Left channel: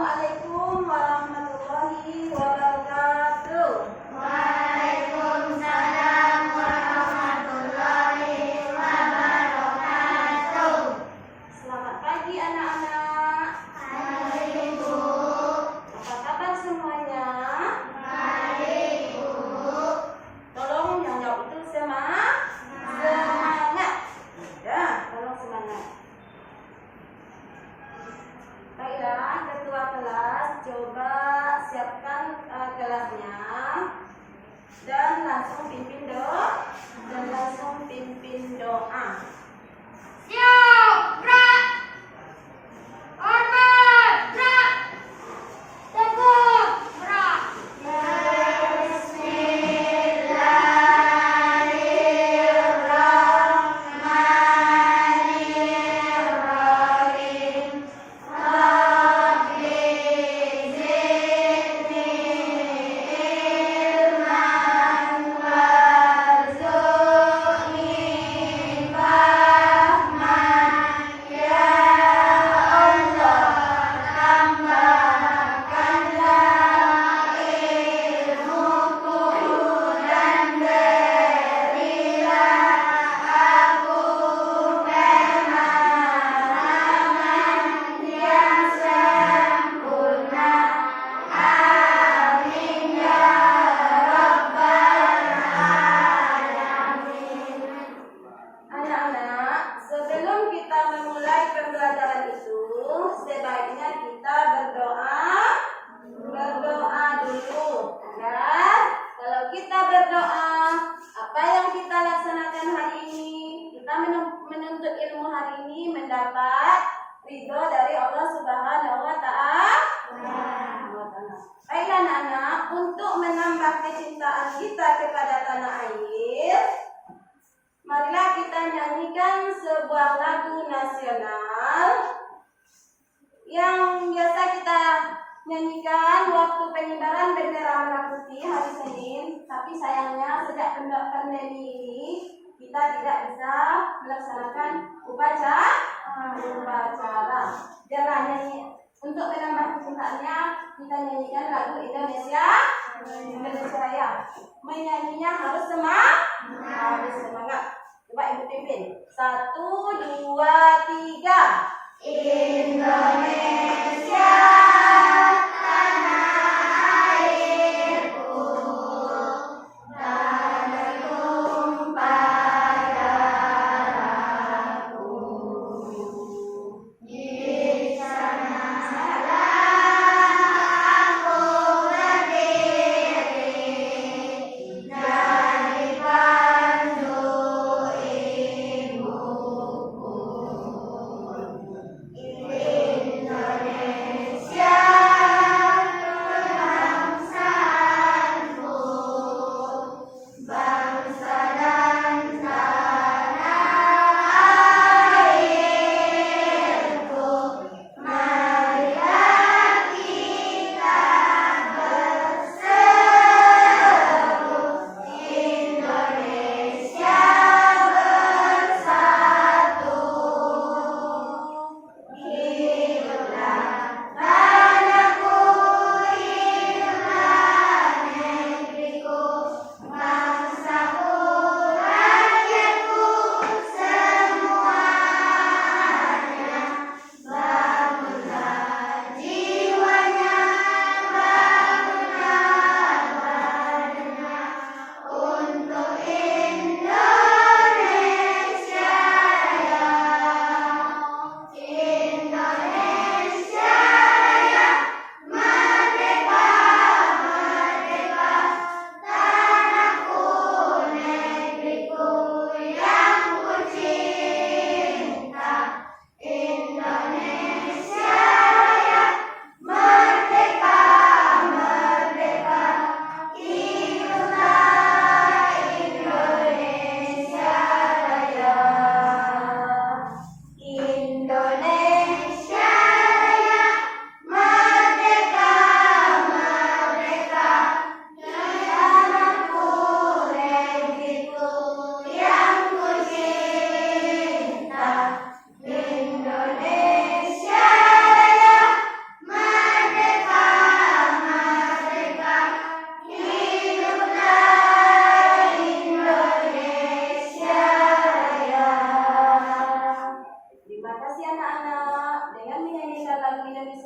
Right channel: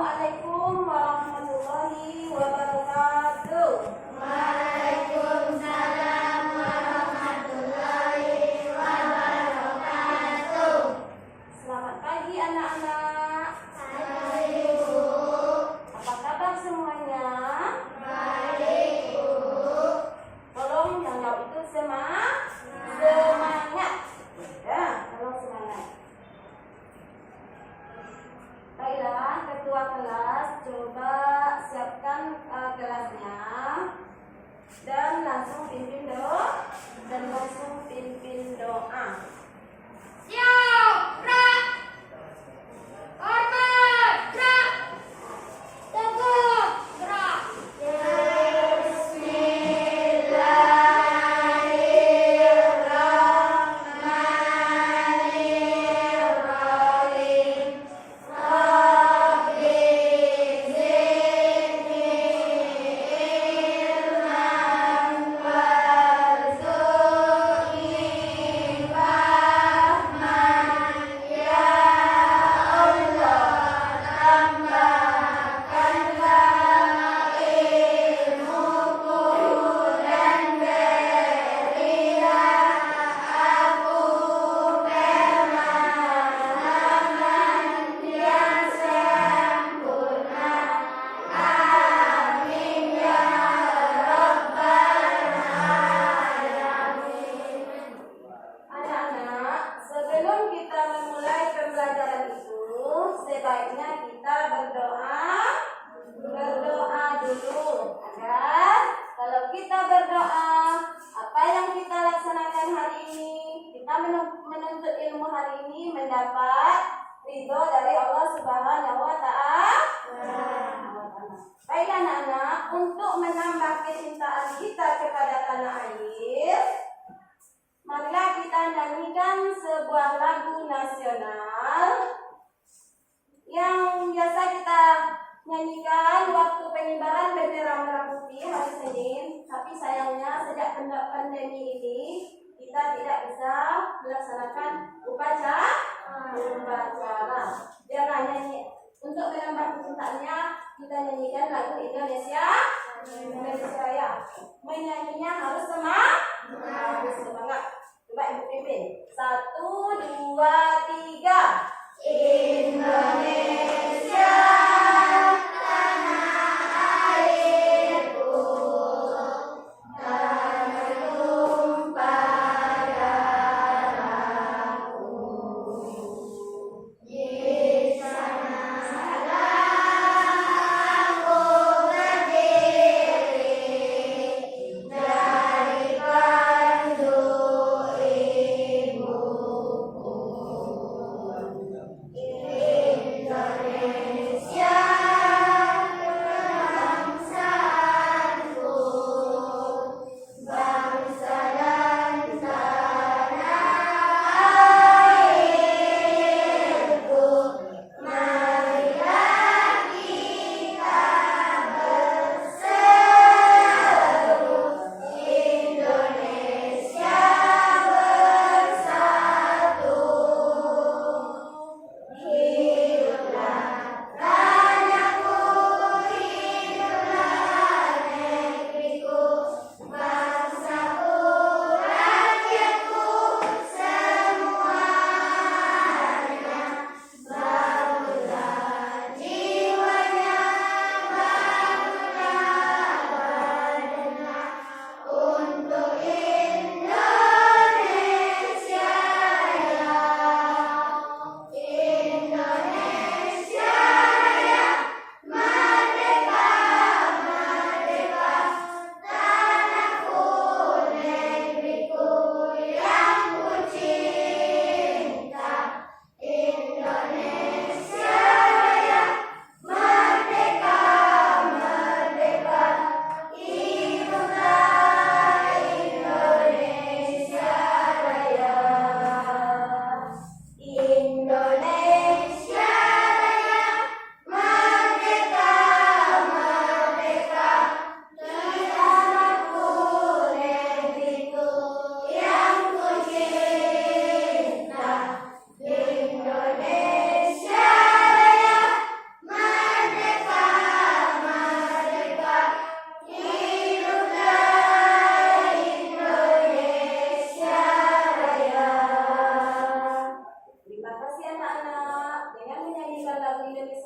Assalamualaikum warahmatullahi wabarakatuh. Waalaikumsalam warahmatullahi wabarakatuh. Selamat pagi anak-anak. Pagi Bu. Apa kabar semuanya? Baik Bu. Tolong yang jawab itu semangat. Ya, tolong semangat. Baiklah, ketua kelas coba siapkan kelasnya dan langsung pimpin doa. Siap, gerak. Hormat, gerak. Teguh, gerak. Bismillahirrahmanirrahim. Rabbi zidni ilman warzuqni fahman. Ya Allah, tambahkanlah ilmuku dan berilah aku pemahaman yang sempurna. Amin ya rabbal alamin. Anak-anak, sebelum kita memulai pembelajaran itu, sebaiknya kita berdoa dulu. Agar kalau kita berdoa, apa yang kita laksanakan hari ini, kita menuntut ilmu hari ini mendapat ridho dari Allah Subhanahu wa Ta'ala. Baiklah anak-anak, untuk menambah kecintaan kita kepada tanah air, marilah kita nyanyikan sebuah lagu nasional yang biasa kita nyanyikan waktu pengibaran bendera merah putih hari Senin. Tapi sayangnya sejak pandemi ini kita tidak bisa melaksanakan upacara. Jangan nyanyi. Untuk menambah kecintaannya, kita nyanyikan lagu Indonesia Raya. Menyanyinya harus semangat. Coba ibu pimpin. 1, 2, 3. Indonesia, tanah airku, tak bertumpah darahku. Di sanalah aku berdiri, dari pandu ibuku. Indonesia.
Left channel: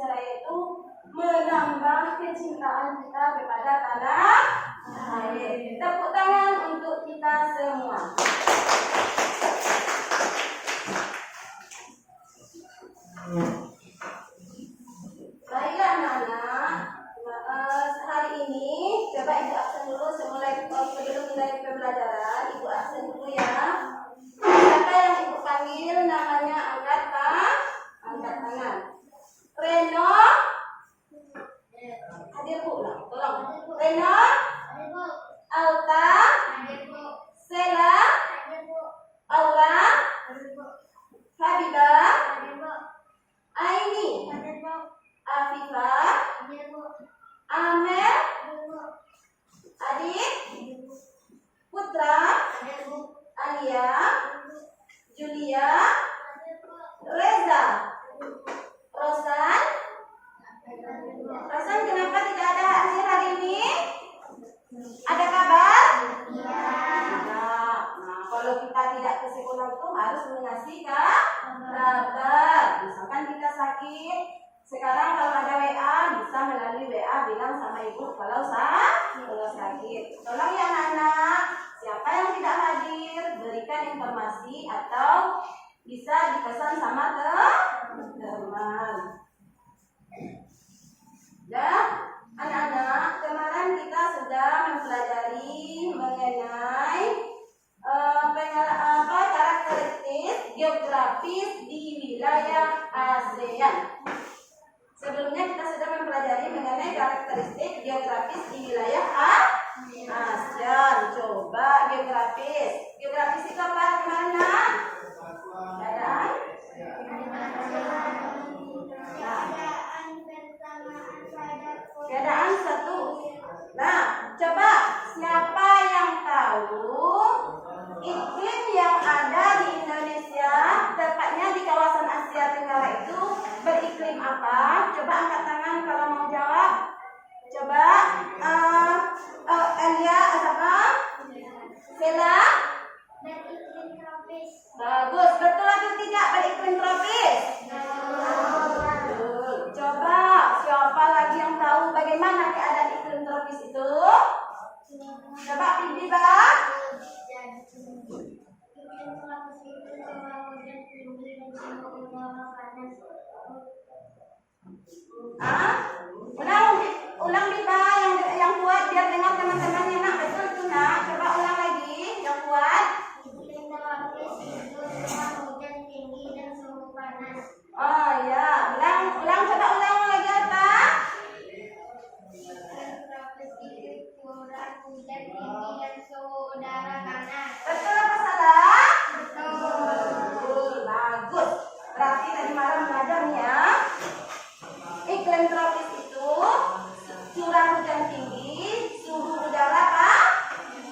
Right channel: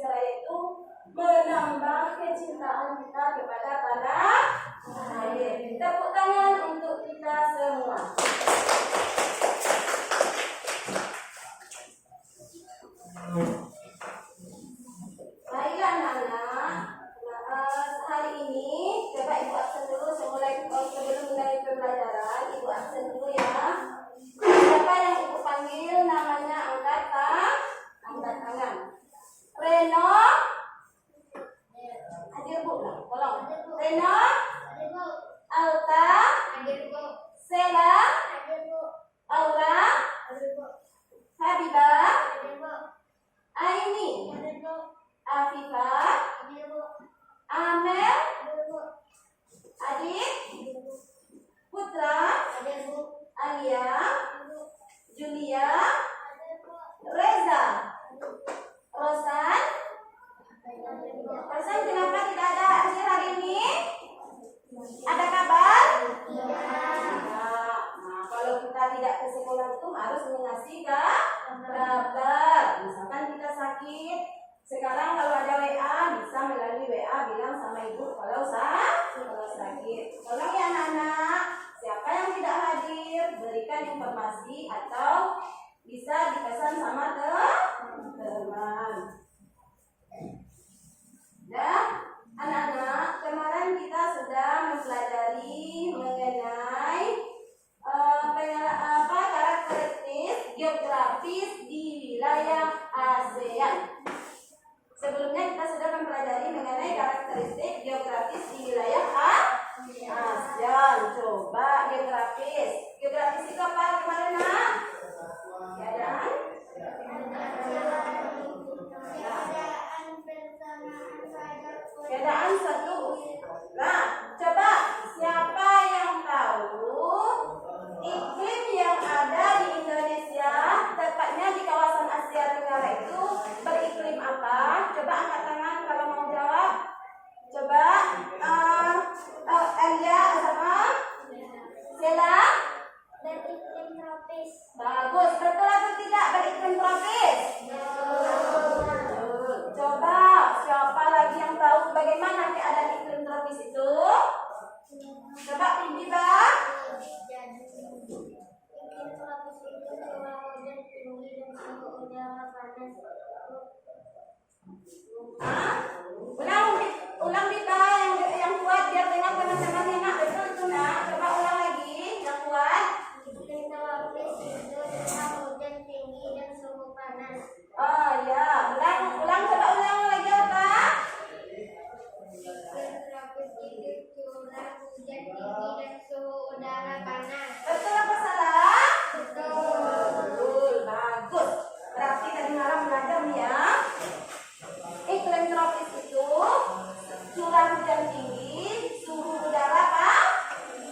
Indonesia Raya itu menambah kecintaan kita kepada tanah air. Tepuk tangan untuk kita semua. Baiklah anak-anak, hari ini coba ibu absen dulu sebelum mulai pembelajaran. Ibu absen dulu ya. Siapa yang ibu panggil namanya angkat tangan. Reno, hadir bu, tolong. Reno, Alta, Sela, Aura, Habibah, Aini, Afifah, Amel, Adit, Putra, Alia, Julia, Reza, Rosan. Rosan, kenapa tidak ada hasil hari ini? Ada kabar? Nah, kalau kita tidak ke sekolah itu harus mengasih kabar. Misalkan kita sakit, sekarang kalau ada WA bisa melalui WA bilang sama ibu kalau sakit. Tolong ya anak-anak, siapa yang tidak hadir berikan informasi atau bisa dipesan sama teman. Dan anak-anak, kemarin kita sudah mempelajari mengenai karakteristik geografis di wilayah ASEAN. Sebelumnya kita sudah mempelajari mengenai karakteristik geografis di wilayah ASEAN. Coba geografis. Geografis itu apa kemarin, Nak? Keadaan? Keadaan satu. Nah, coba siapa yang tahu iklim yang ada di Indonesia, tepatnya di kawasan Asia Tenggara itu beriklim apa? Coba angkat tangan kalau mau jawab. Coba Alia, siapa? Sela? Beriklim tropis. Bagus, betul atau tidak beriklim tropis? Betul. Coba siapa lagi yang tahu bagaimana keadaan iklim tropis itu? Coba Bibi, Bang. Iklim tropis itu curah hujan tinggi dan suhu udara panas. Ulang Biba yang kuat biar dengar teman-temannya, Nak. Betul tuh, Nak. Coba ulang lagi yang kuat. Iklim tropis itu curah hujan tinggi dan suhu panas. Oh ya, ulang coba ulang lagi apa? Iklim tropis itu curah hujan tinggi dan suhu udara panas. Betul apa salah? Betul. Betul, bagus. Berarti tadi malam belajar nih ya. Iklim tropis itu curah hujan tinggi, suhu udara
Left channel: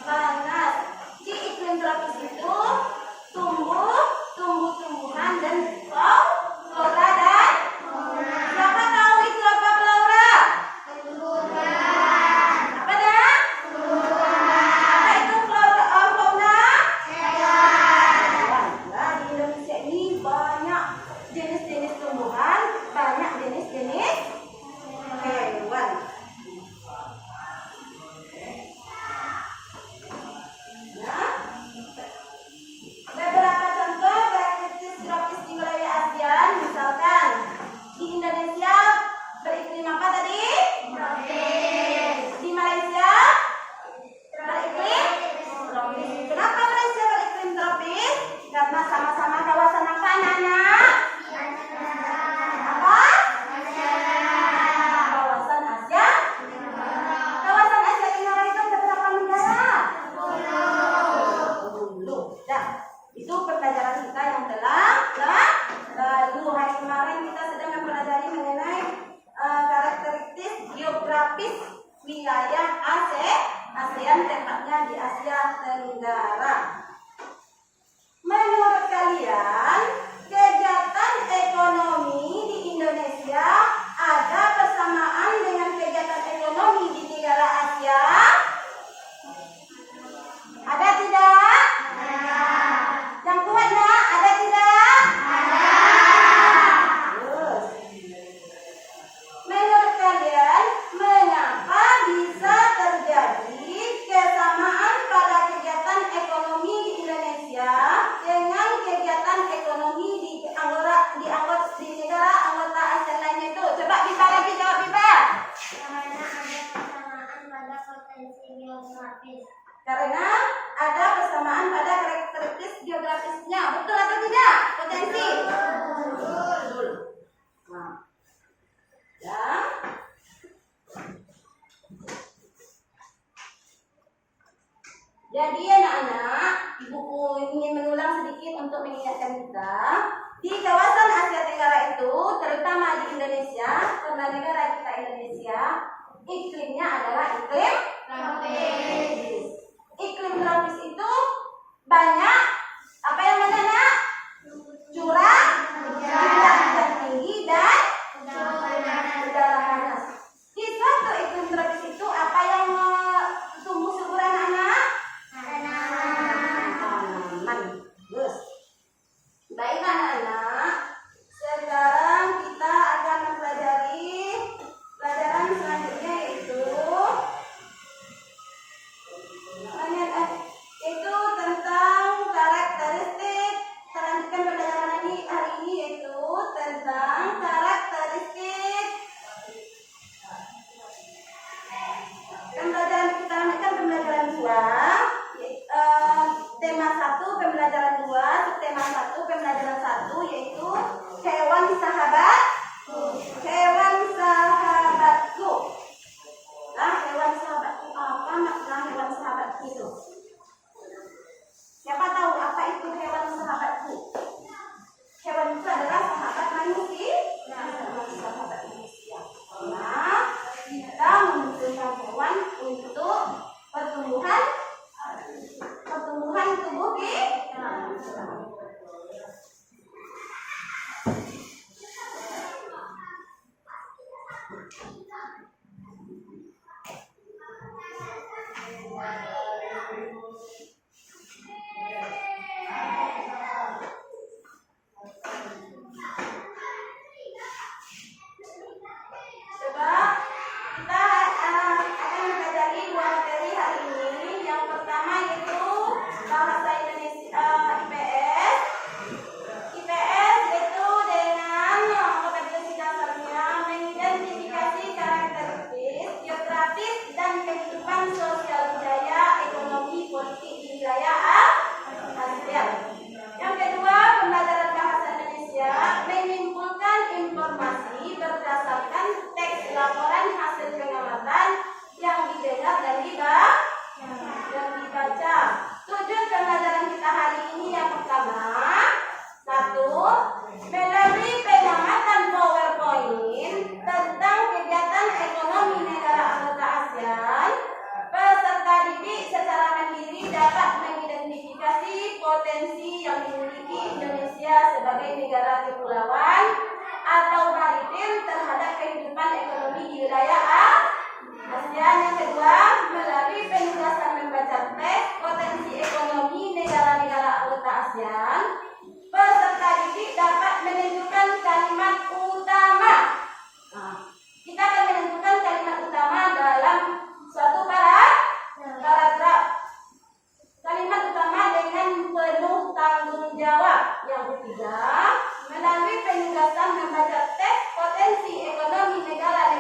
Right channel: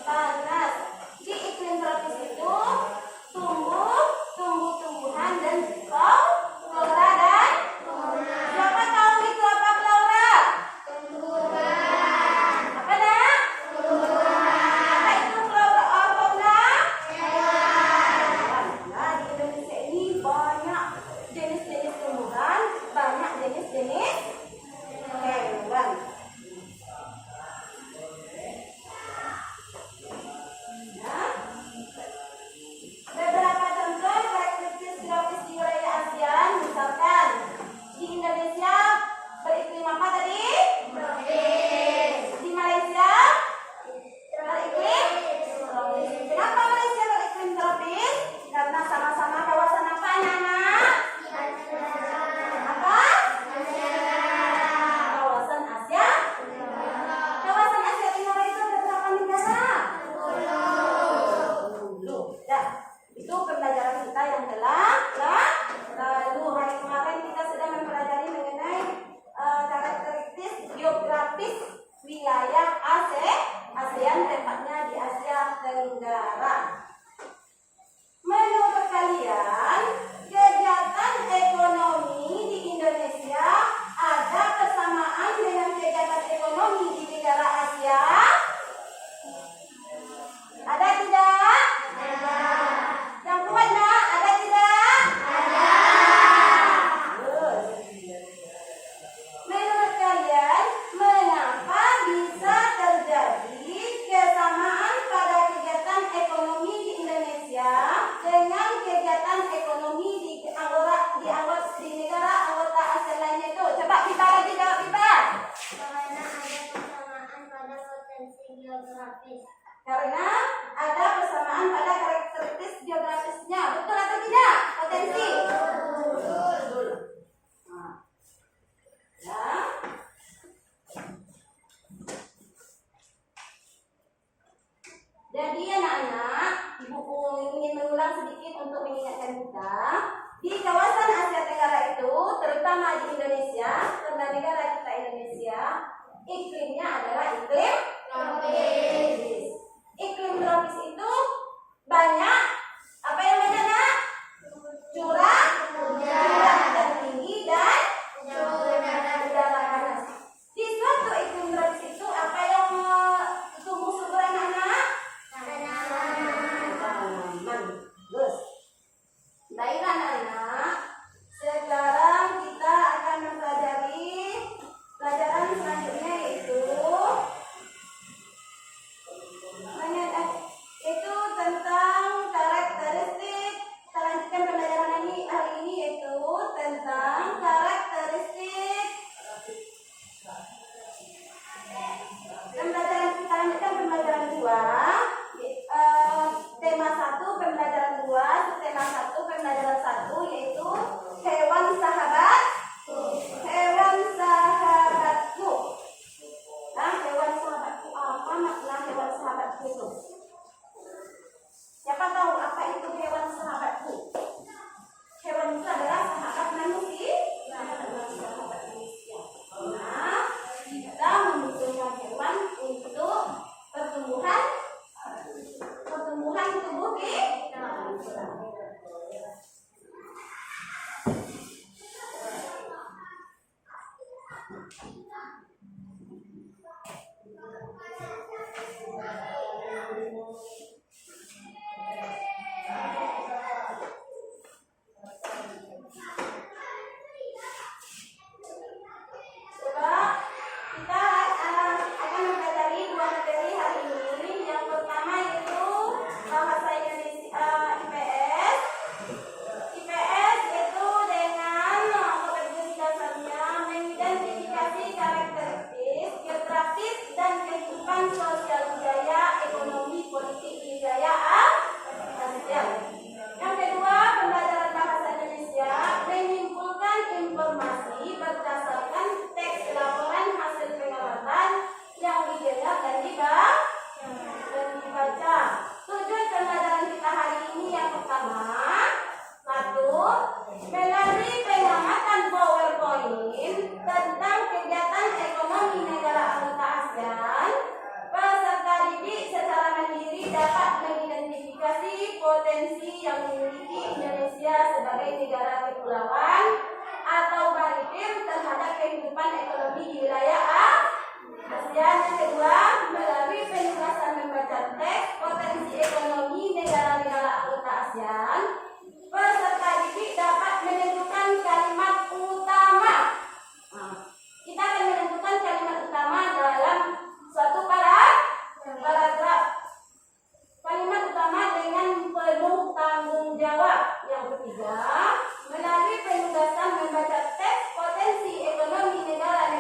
panas. Di iklim tropis itu tumbuh-tumbuhan dan flora dan siapa tahu itu apa flora? Apa nak? Apa itu fauna? Nah, di Indonesia ini banyak jenis-jenis tumbuhan, banyak jenis-jenis hewan. Nah, beberapa contoh karakteristik tropis di wilayah ASEAN, misalkan di Indonesia beriklim apa tadi? Tropis. Di Malaysia beriklim tropis. Kenapa Malaysia beriklim tropis? Karena sama-sama kawasan apa anak-anak? Apa? Kawasan Asia. Kawasan Asia Tenggara itu ada berapa negara? 10. Dah, itu pembelajaran kita yang lalu. Hari kemarin kita sudah mempelajari mengenai karakteristik geografis wilayah ASEAN, tepatnya di Asia Tenggara. Menurut kalian, kegiatan ekonomi di Indonesia ada kesamaan dengan kegiatan ekonomi di negara Asia? Ada tidak? Ada. Yang kuat nak, ada tidak? Ada. Bagus. geografis. Karena ada kesamaan pada karakteristik geografisnya. Betul atau tidak? Potensi. Betul. Nah. Ya. Jadi anak-anak, ibuku ingin mengulang sedikit untuk mengingatkan kita. Di kawasan Asia Tenggara itu, terutama di Indonesia, karena negara kita Indonesia, iklimnya adalah iklim tropis. Iklim tropis itu banyak apa yang banyak nak? Curah hujan tinggi dan udara panas. Di suatu iklim tropis itu apa yang tumbuh subur anak-anak? Tanaman. Terus, baiklah anak-anak. Sekarang kita akan mempelajari pelajaran selanjutnya yaitu tentang karakteristik. Kita lanjutkan pembelajaran hari ini yaitu tentang karakteristik. Pembelajaran kita lanjutkan pembelajaran 2. Tema 1 pembelajaran 2, tema 1 pembelajaran 1 yaitu hewan sahabat. Hewan sahabatku. Nah, hewan sahabatku apa makna hewan sahabatku itu? Siapa tahu apa itu hewan sahabatku? Hewan itu adalah sahabat manusia. Sahabat manusia. Nah, kita membutuhkan hewan untuk pertumbuhan tubuh kita. Potensi yang dimiliki Indonesia sebagai negara kepulauan atau maritim terhadap kehidupan ekonomi di wilayah Asia. Yang kedua, melalui penugasan membaca teks potensi ekonomi negara-negara anggota ASEAN, peserta didik dapat menentukan kalimat utama. Nah, kita akan menentukan kalimat utama dalam suatu paragraf. Kalimat utama dengan penuh tanggung jawab. Yang ketiga, melalui penugasan membaca teks potensi ekonomi negara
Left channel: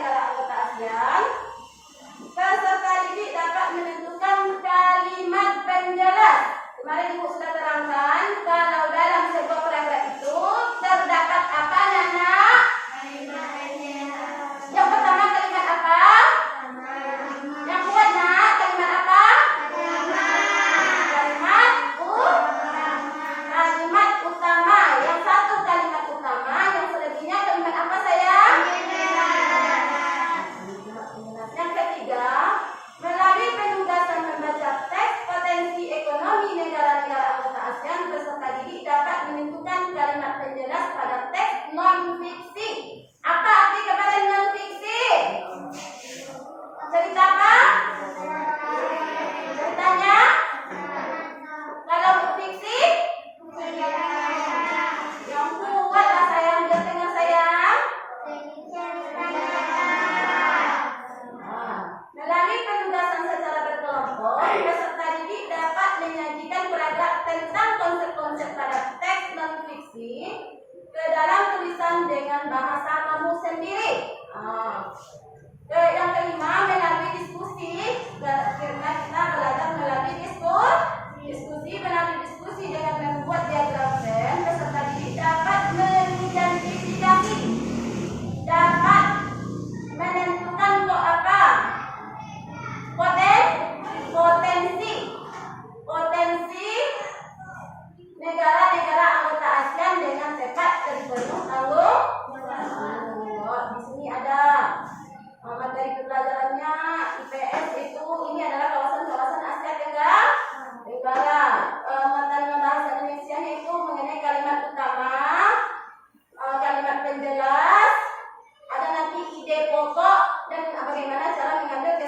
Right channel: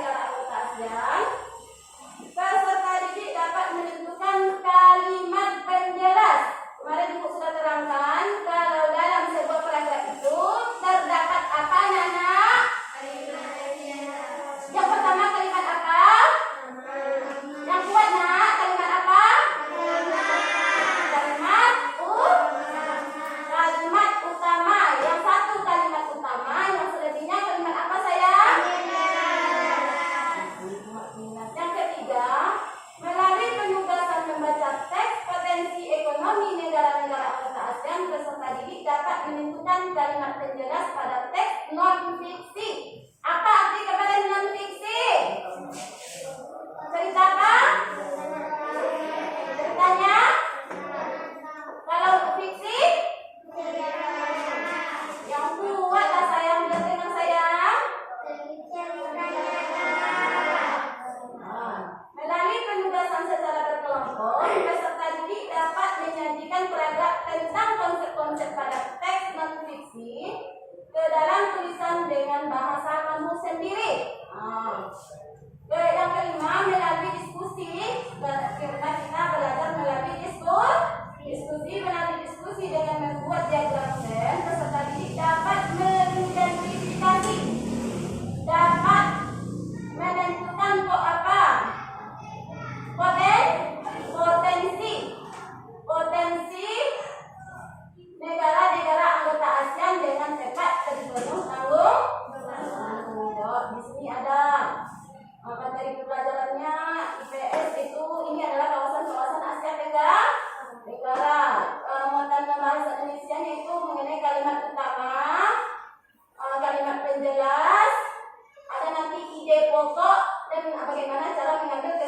pokok dan bagaimana cara mengambil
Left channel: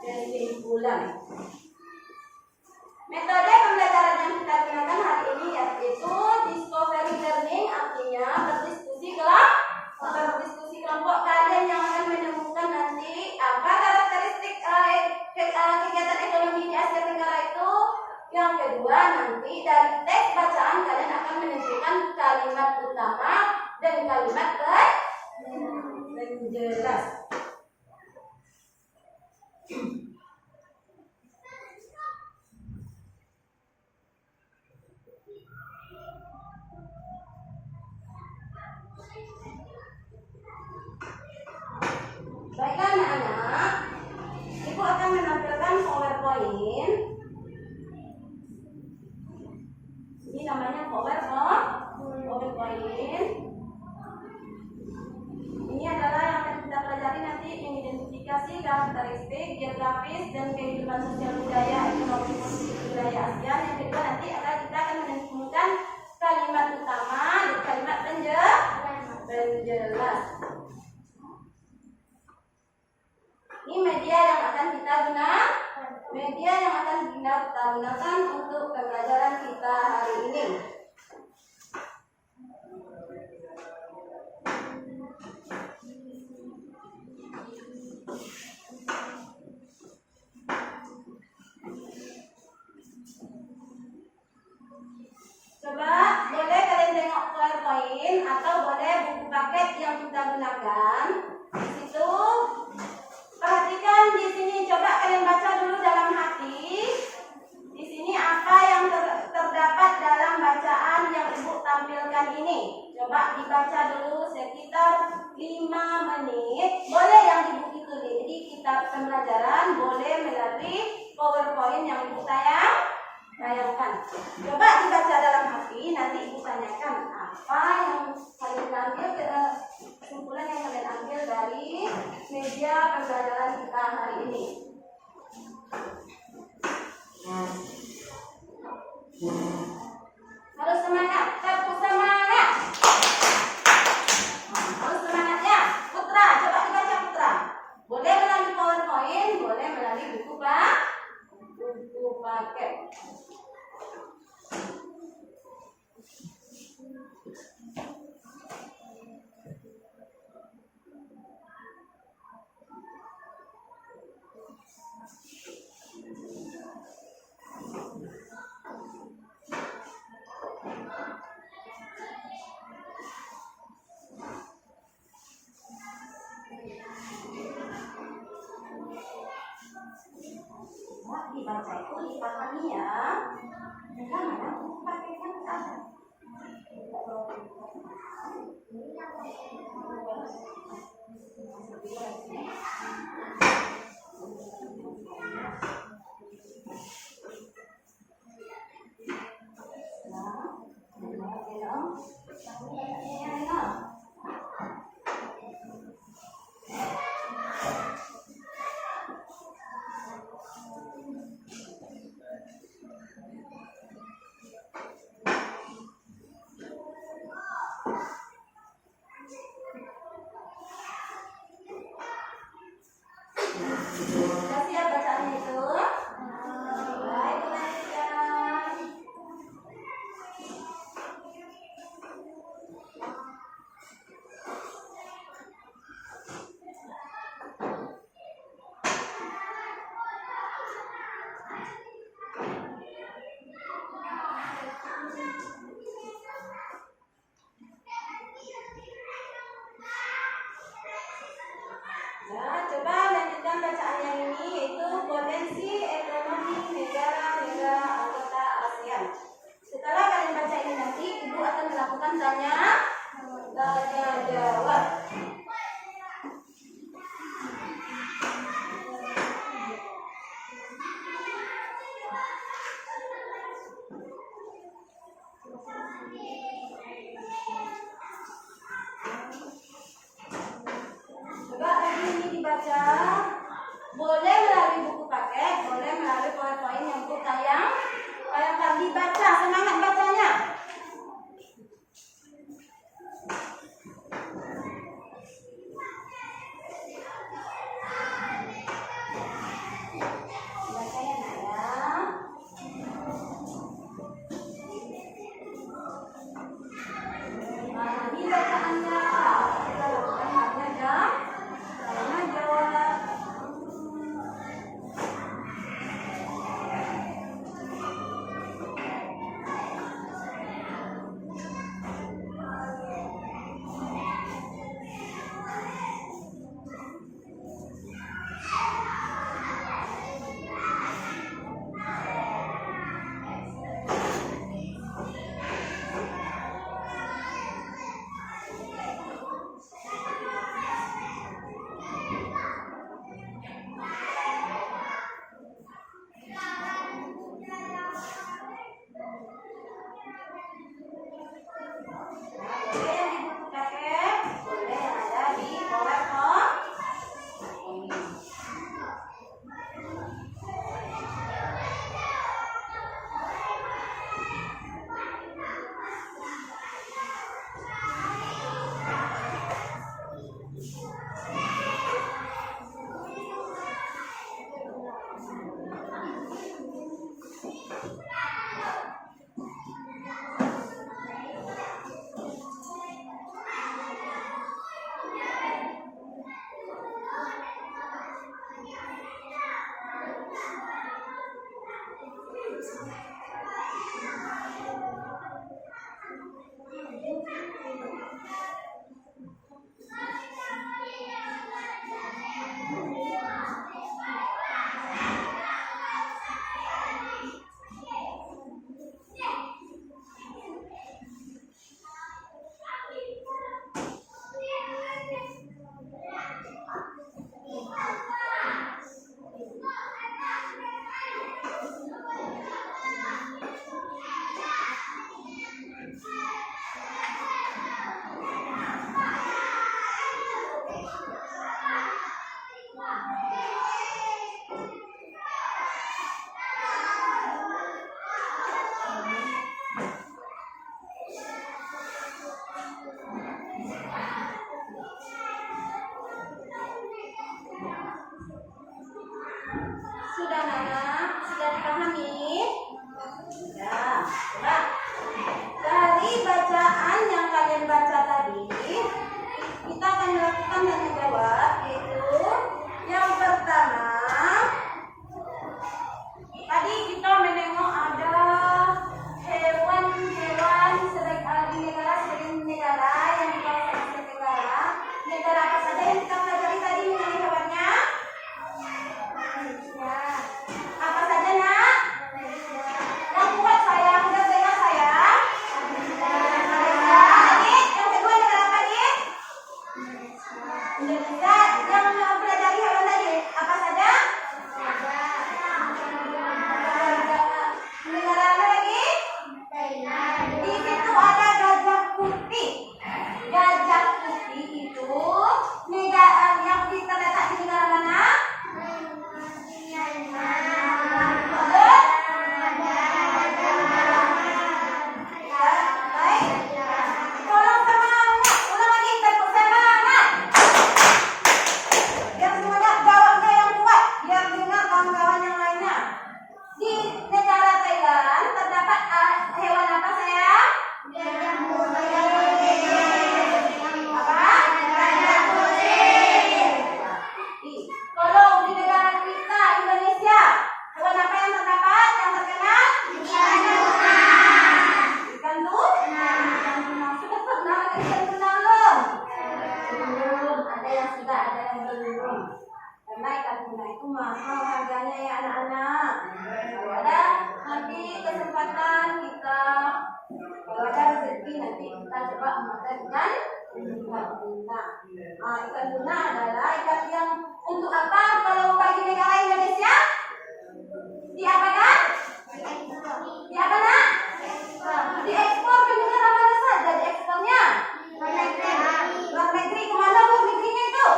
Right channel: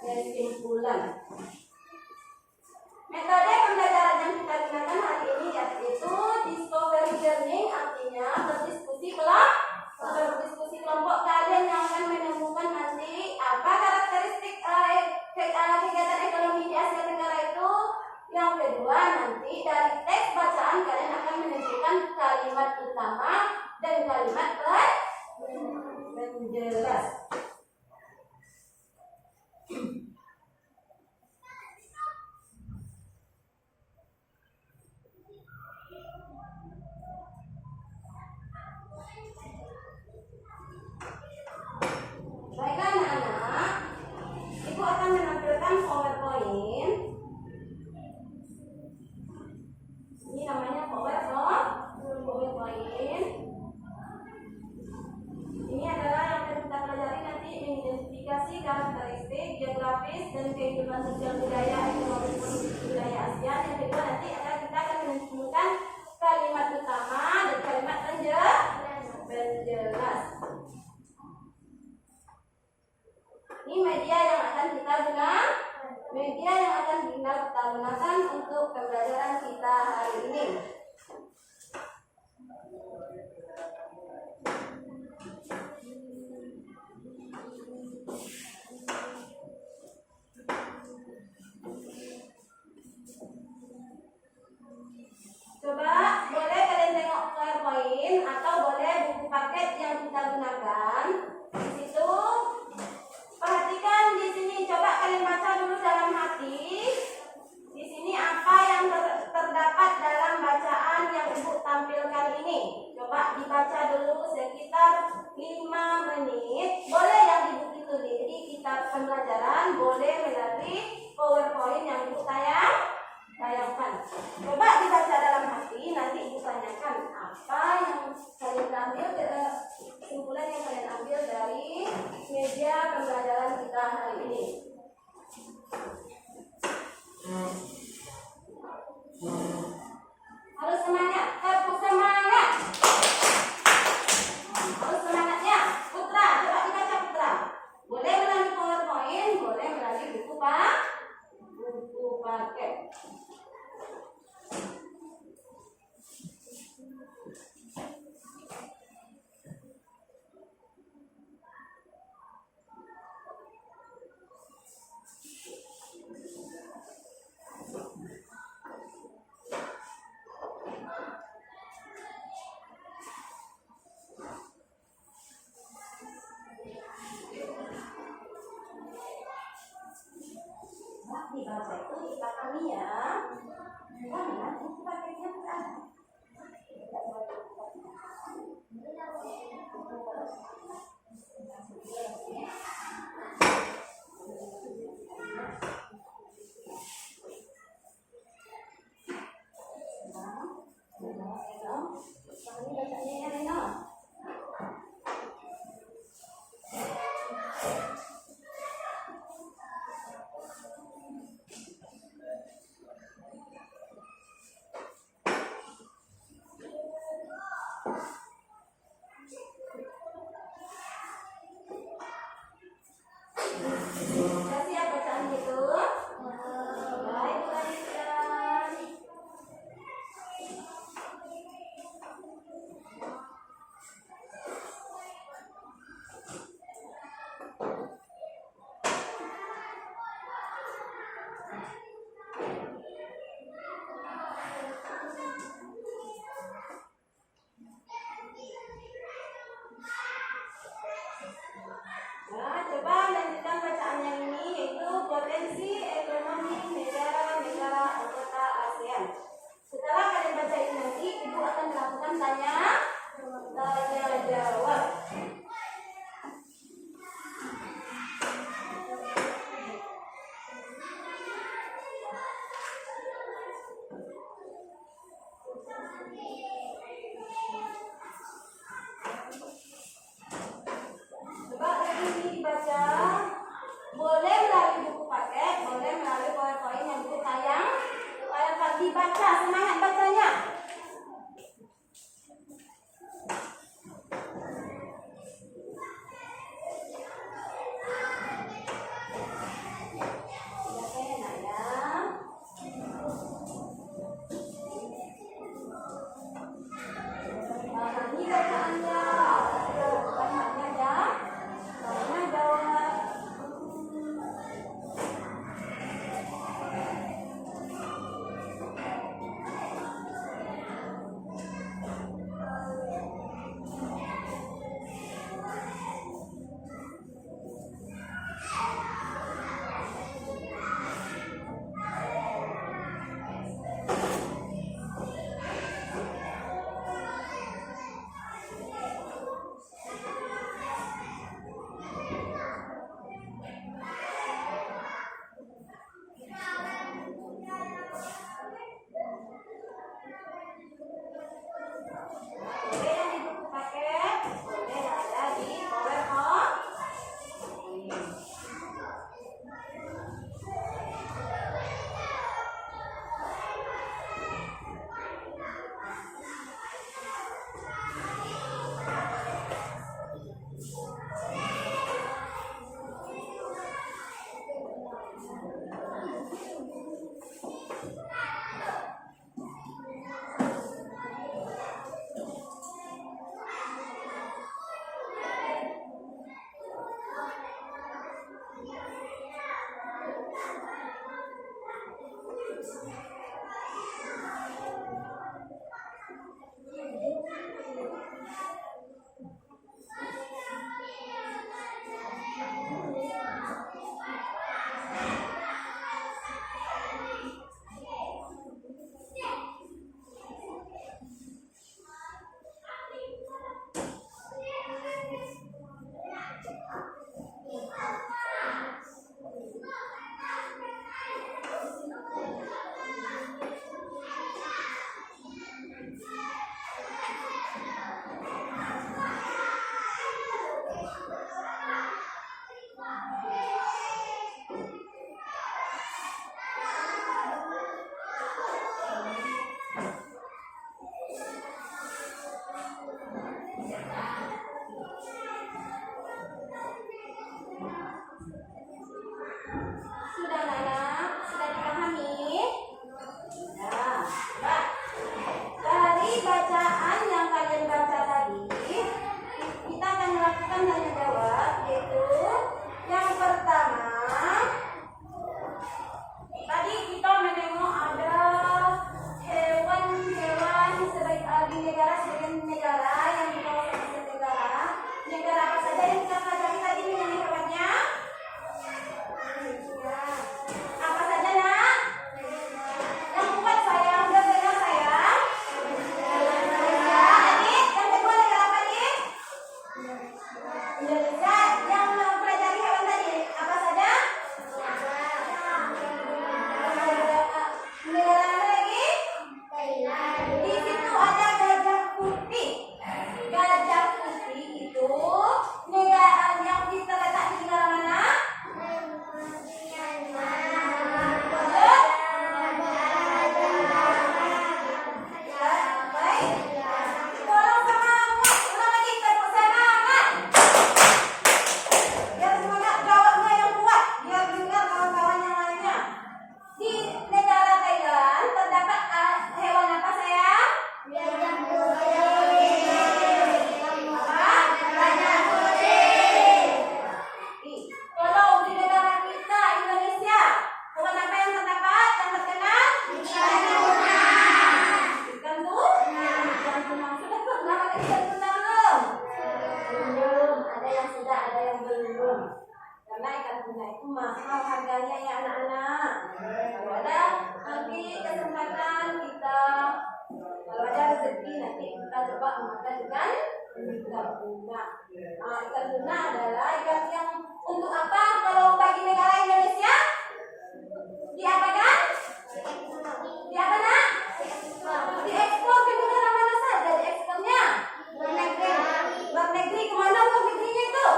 kesimpulan. Metode pembelajaran yang kita gunakan hari ini yaitu discovery learning, artinya berdiskusi kelompok. Kalian yang akan menemukan nanti apa karakteristik kegiatan ekonomi di Asia Tenggara itu. Yang kedua, nanti dari teks bacaan kalian akan menentukan kalimat utama dan kalimat penjelas. Baiklah anak-anak, Ibu akan menampilkan PowerPoint. Ini namanya PowerPoint. Ini adalah yang akan kita pelajari nanti, mengidentifikasi karakteristik geografis dan kehidupan sosial budaya ekonomi budaya Asia. Yang kedua nanti kita akan menemukan kalimat utama dan kalimat penjelas. Ini media yang akan kita gunakan untuk pembelajaran kita hari ini. Coba boleh kalian tengok PowerPoint atau boleh buku paket yang kita gunakan. Di situ perhatikan di sini, coba kalian baca dulu dalam hati. Di sini apa yang terdapat dalam bacaan yang Ibu tampilkan ini. Coba dibaca dulu sekitar 5 menit. Boleh yang di buku itu di kitab pembelajaran, boleh melalui PowerPoint yang Ibu tayangkan. Coba dibaca dalam hati, nanti Ibu tanyakan apa yang kalian ambil, kesimpulan yang kalian ambil dari media pembelajaran kita hari ini. Harus semangat, tepuk semangat. Harus semangat ya. Putra, coba dibaca Putra. Boleh melalui PowerPoint, boleh melalui buku paket. Dibaca itu dipahami ya. Karena buku paketnya ada. Boleh melalui buku paket, boleh melalui PowerPoint yang buku tayang. Dibaca, semangat bacanya. yang mempelajari hewan tadi apa saja? Negara apa lagi? Di situ ada gajah putih. Gajah putih itu negara yang terletak di negara mana? Tolong semangat, ulang lagi, semangat. Biar semangat, jawabnya yang kuat, biar dengar kawan-kawan yang lainnya. Di negara Thailand terdapat hewan apa sayang? Kalau di negara kita Indonesia, hewan apa yang terdapat yang terkenal? Ikan tuna. Ikan tuna. Sudah pernah makan ikan tuna belum? Belum. Ada yang sudah, ada yang belum. Karena ikan tuna itu mahal harganya ya anak-anak. Kalau ada nanti kesempatan kita, kalau ada rezeki nanti kita coba makan ikan tuna. Ikan tuna adalah ikan yang untuk apa kalau bagi negara Indonesia? Diapakan? Di apa nak? Diekspor ke negara mana saja diekspornya? Luar negeri kemana luar negerinya itu?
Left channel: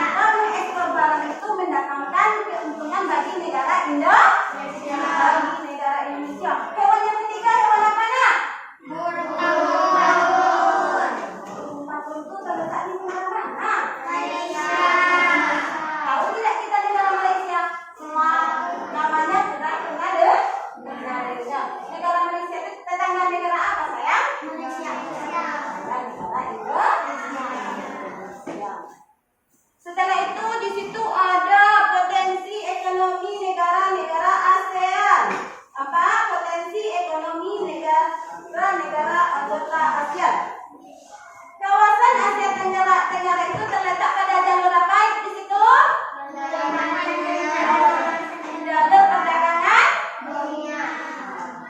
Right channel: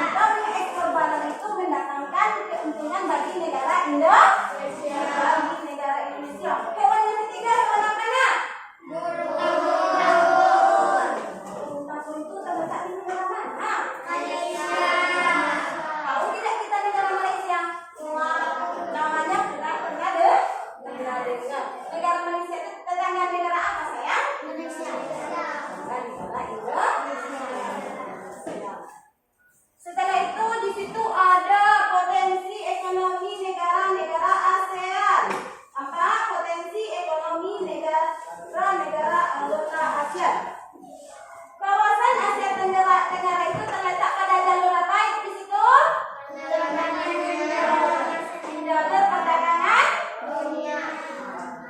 Kita mengekspor barang itu mendatangkan keuntungan bagi negara Indonesia. Bagi negara Indonesia. Hewan yang ketiga hewan apa nak? Burung itu terletak di negara mana? Tahu tidak kita negara Malaysia? Namanya pernah dengar. Negara Malaysia itu tetangga negara apa sayang? Malaysia. Negara Indonesia. Setelah itu di situ ada potensi ekonomi negara-negara ASEAN. Apa? Potensi ekonomi negara-negara anggota ASEAN. Kawasan Asia Tenggara itu terletak pada jalur apa di situ? Jalur perdagangan dunia.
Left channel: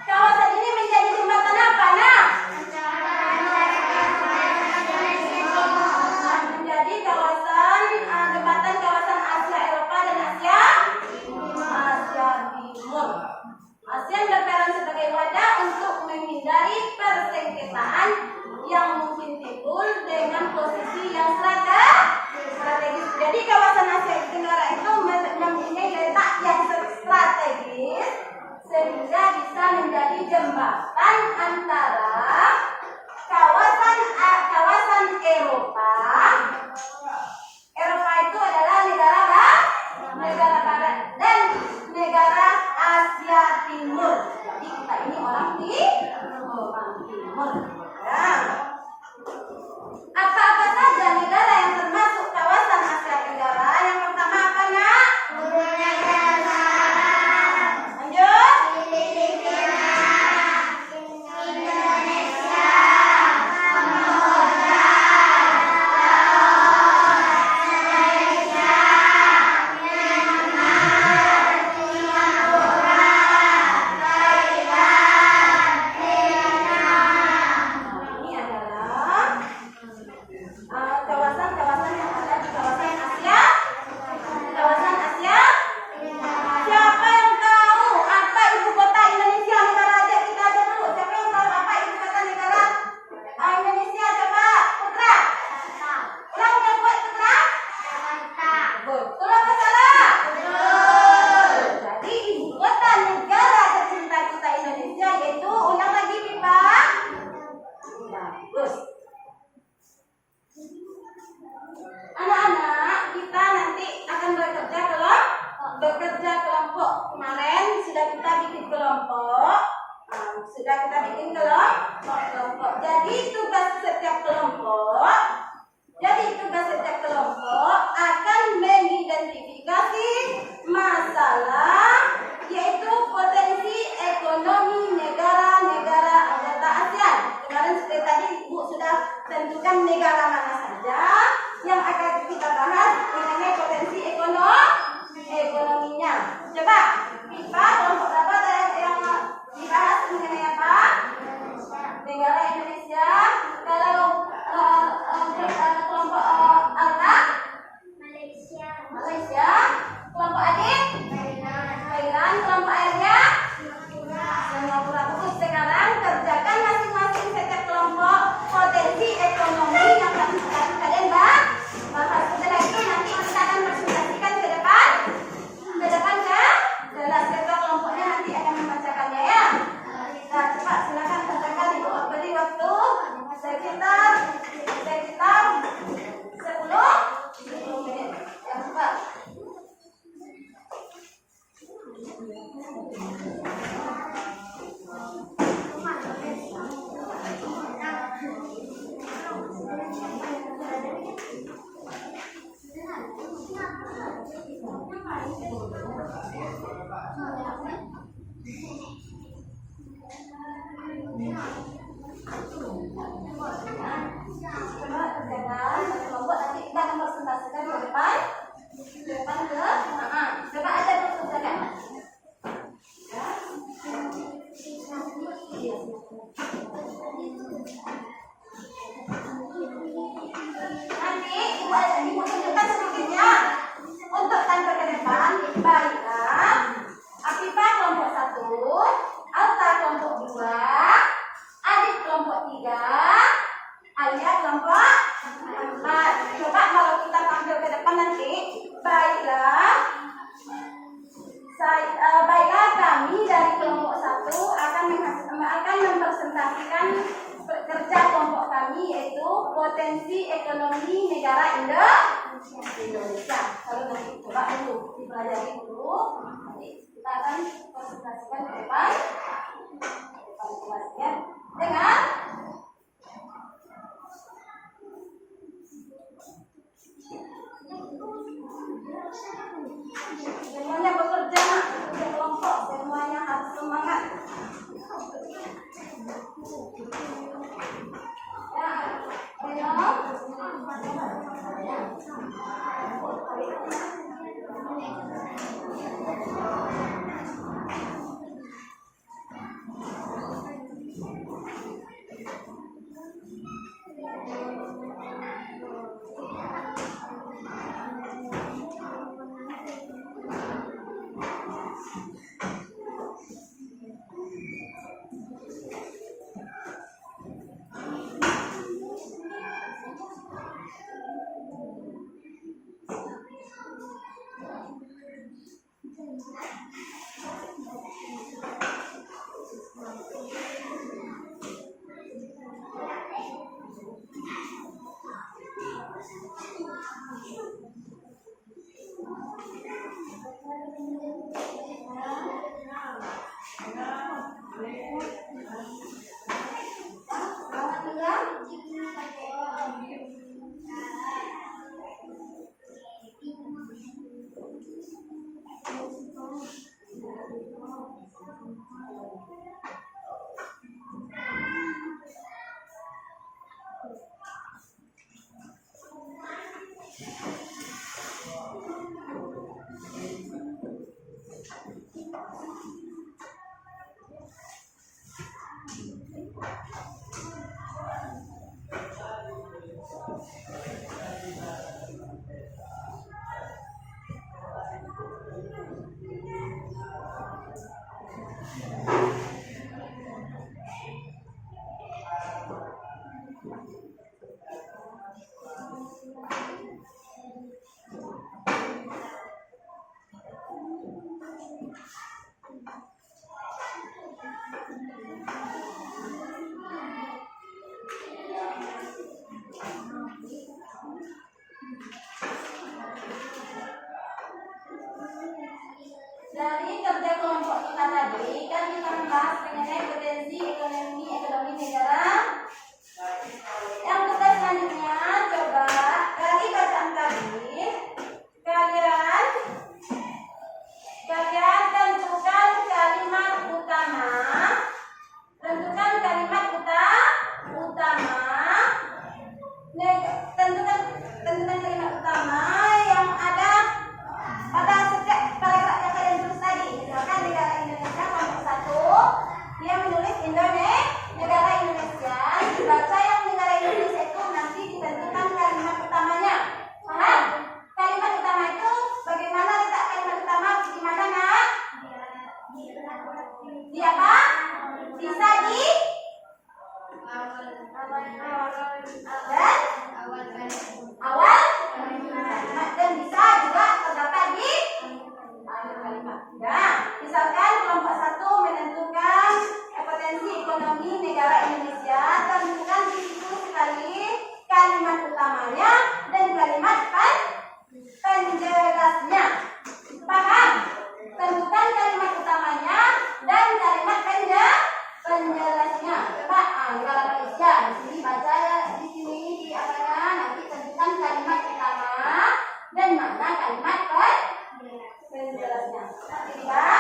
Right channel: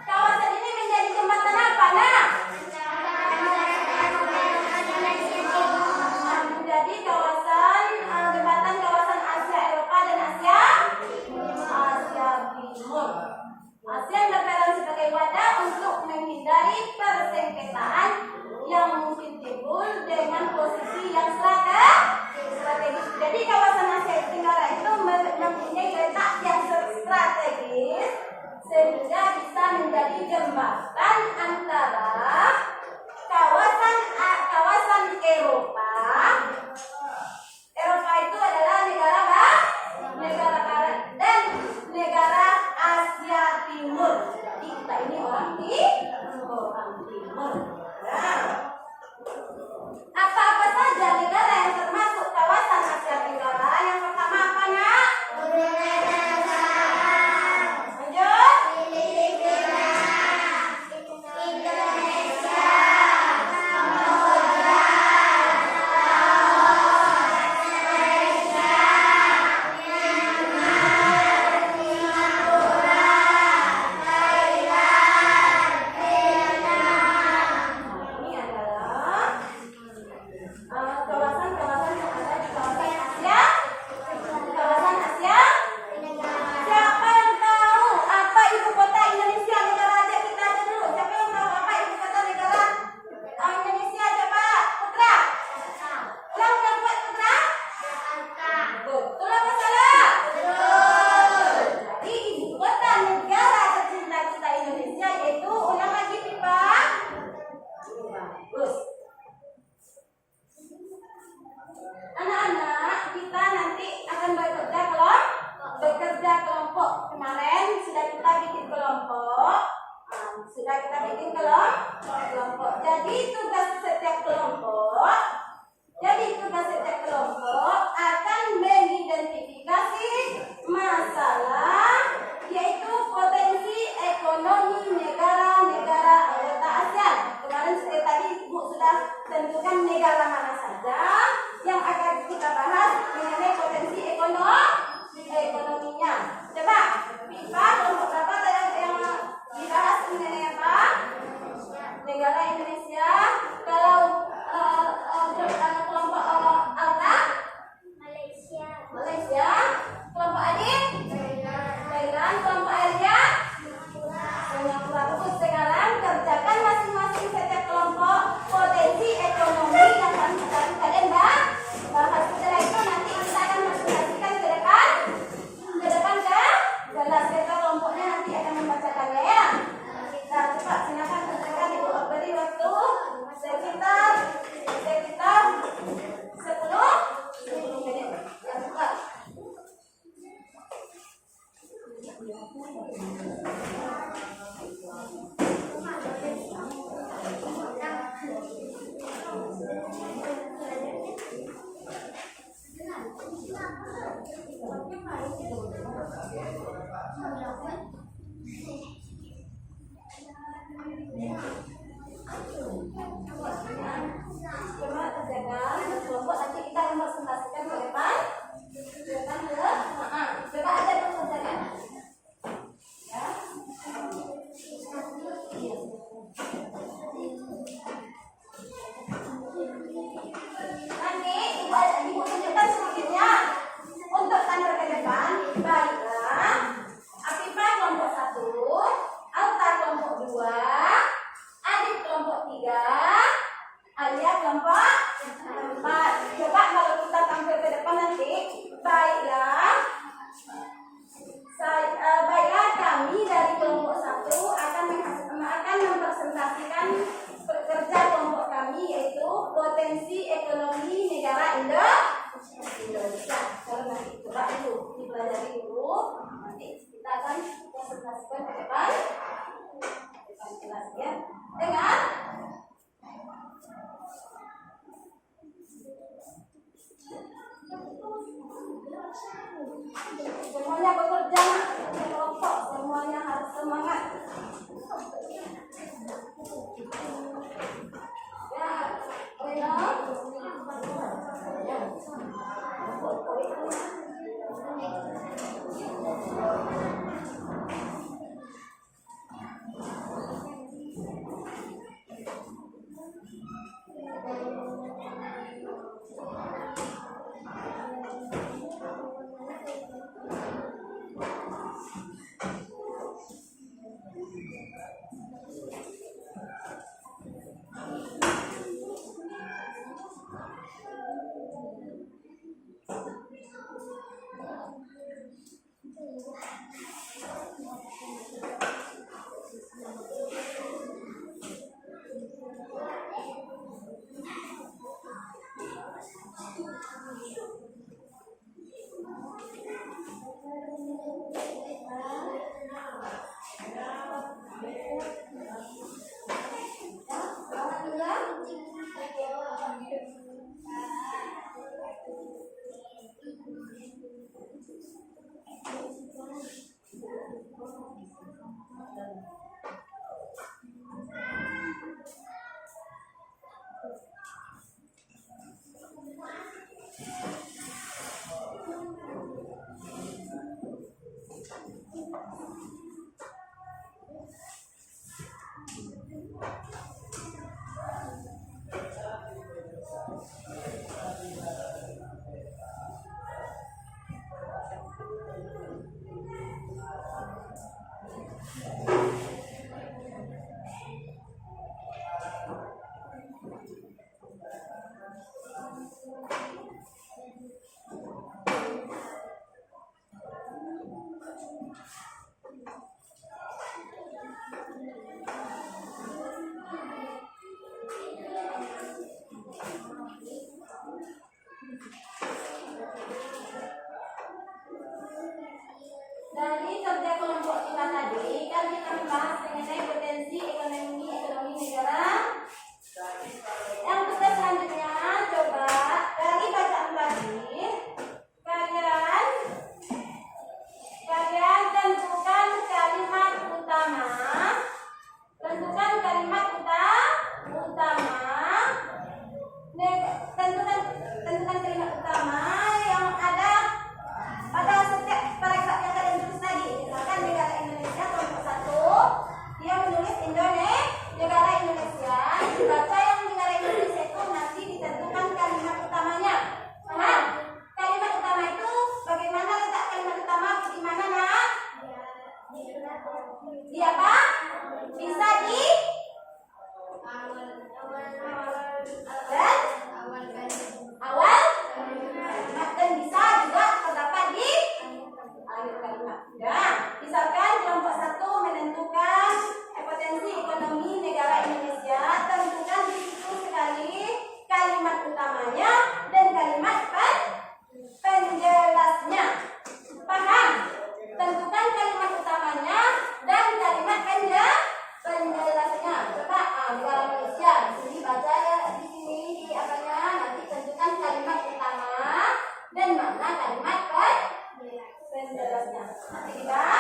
Kawasan ini menjadi jembatan apa, nak? Menjadi kawasan jembatan kawasan Asia Eropa dan Asia Timur. ASEAN berperan sebagai wadah untuk menghindari persengketaan yang mungkin timbul dengan posisi yang strategis. Jadi kawasan Asia Tenggara itu mempunyai letak yang strategis sehingga bisa menjadi jembatan antara kawasan Eropa. Eropa itu adalah negara barat dan negara Asia Timur. Jadi kita ini orang timur. Ya. Apa-apa saja negara yang termasuk kawasan Asia Tenggara? Yang pertama apa nak? Lanjut. Indonesia, tentukan negara mana saja yang akan kita bahas mengenai potensi ekonominya. Coba, IPA kelompok berapa yang dibahas mengenai apa? Negara ayat kelompok 4. Coba kalau kita tampil ke depan nanti. Baiklah kami dari kelompok 1 akan mempresentasikan kerja kelompok kami, yaitu potensi ekonomi negara Indonesia. Kalau nanti coba dulu dipelajari dulu, nanti kita akan presentasikan ke depan kelas ya. Dengan semuanya bekerja, kelompok semuanya harus semangat. Dari kerja kelompok kita tadi kan kita membahas mengenai potensi ekonomi negara. Yang kita selanjutnya coba dari bacaan tadi kalian tentukan kalimat utama. Tentukan kalimat utama yang ada pada setiap paragraf yang kalian tulis tadi. Misalkan negara Indonesia kelompok 1, dia menulis negara Indonesia. Dibaca yang negara Indonesia itu nanti ditentukan kalimat utamanya. Paham? Kalimat utama itu bagaimana letak kalimat utama di mana, Nak? Di apa? Bisa di awal dan bisa juga terdapat di akhir kalimat. Nah, misalkan kelompok 1 menentukan potensi ekonomi negara Indonesia, tentukan di situ sekali kalimat utamanya dan kalimat penjelasnya. Paham? Tentukan kalimat utamanya dan kalimat penjelasnya. Coba negara Malaysia di sini baca di sini di apanya, nanti tentukan kalimat utama dan mana kalimat penjelasnya. Tidak?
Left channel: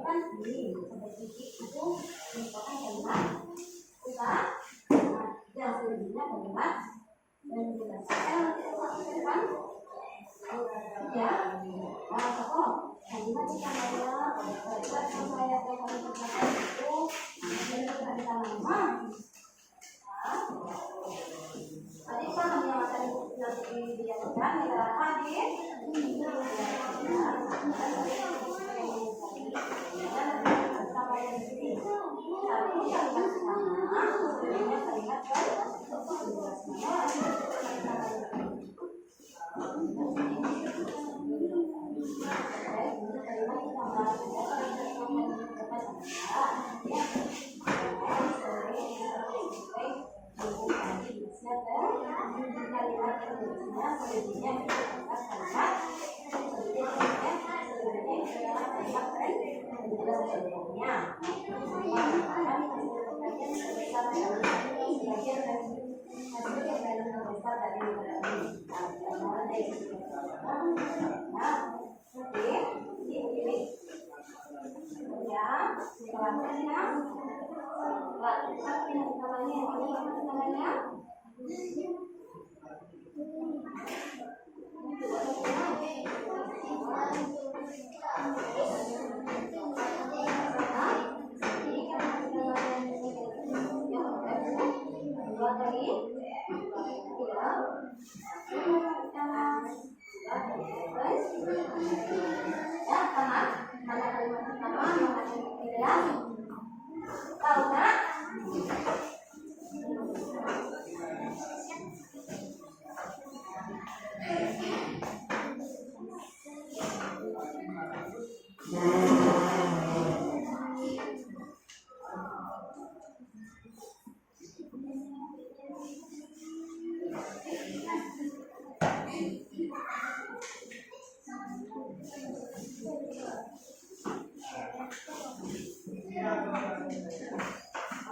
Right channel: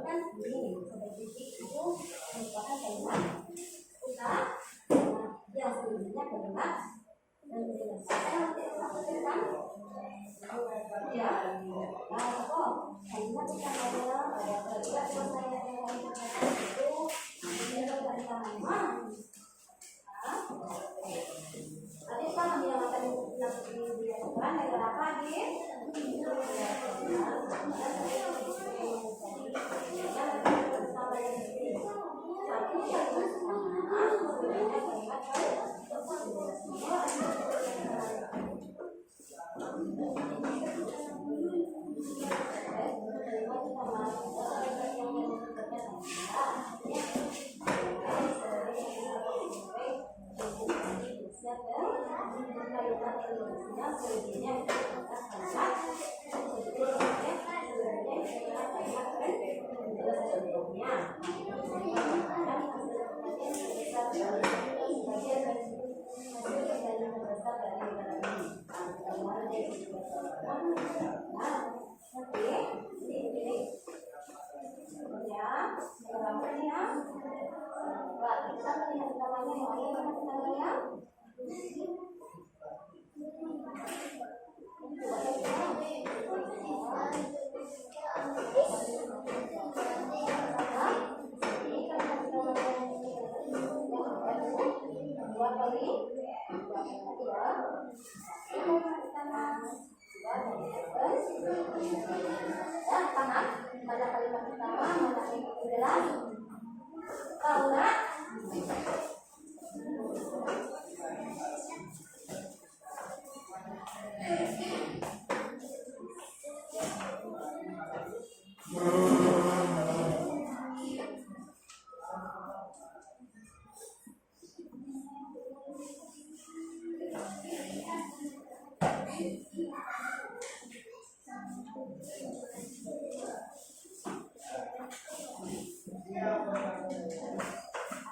Kan ini sampai titik itu merupakan kalimat utama. Yang selanjutnya kalimat penjelasan. Nanti satu ke depan. Ya. Kalimat utamanya ada kalimat yang saya katakan itu kalimat utama. Tadi negara apa Adit? Satu kalimat pertama, sebenarnya kalimat mana kalimat pertama, mana kalimat kedua? Tahu nggak?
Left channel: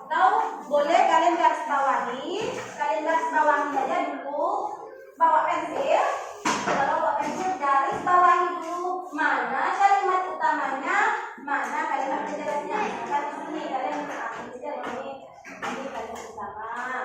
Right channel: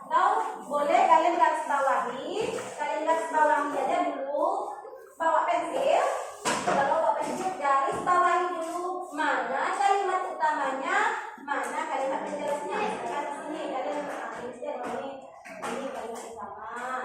Atau boleh kalian garis bawahi aja dulu, bawa pensil. Kalau bawa pensil garis bawahi dulu mana kalimat utamanya, mana kalimat penjelasnya. Misalkan di sini kalian ambil saja ini kalimat utama.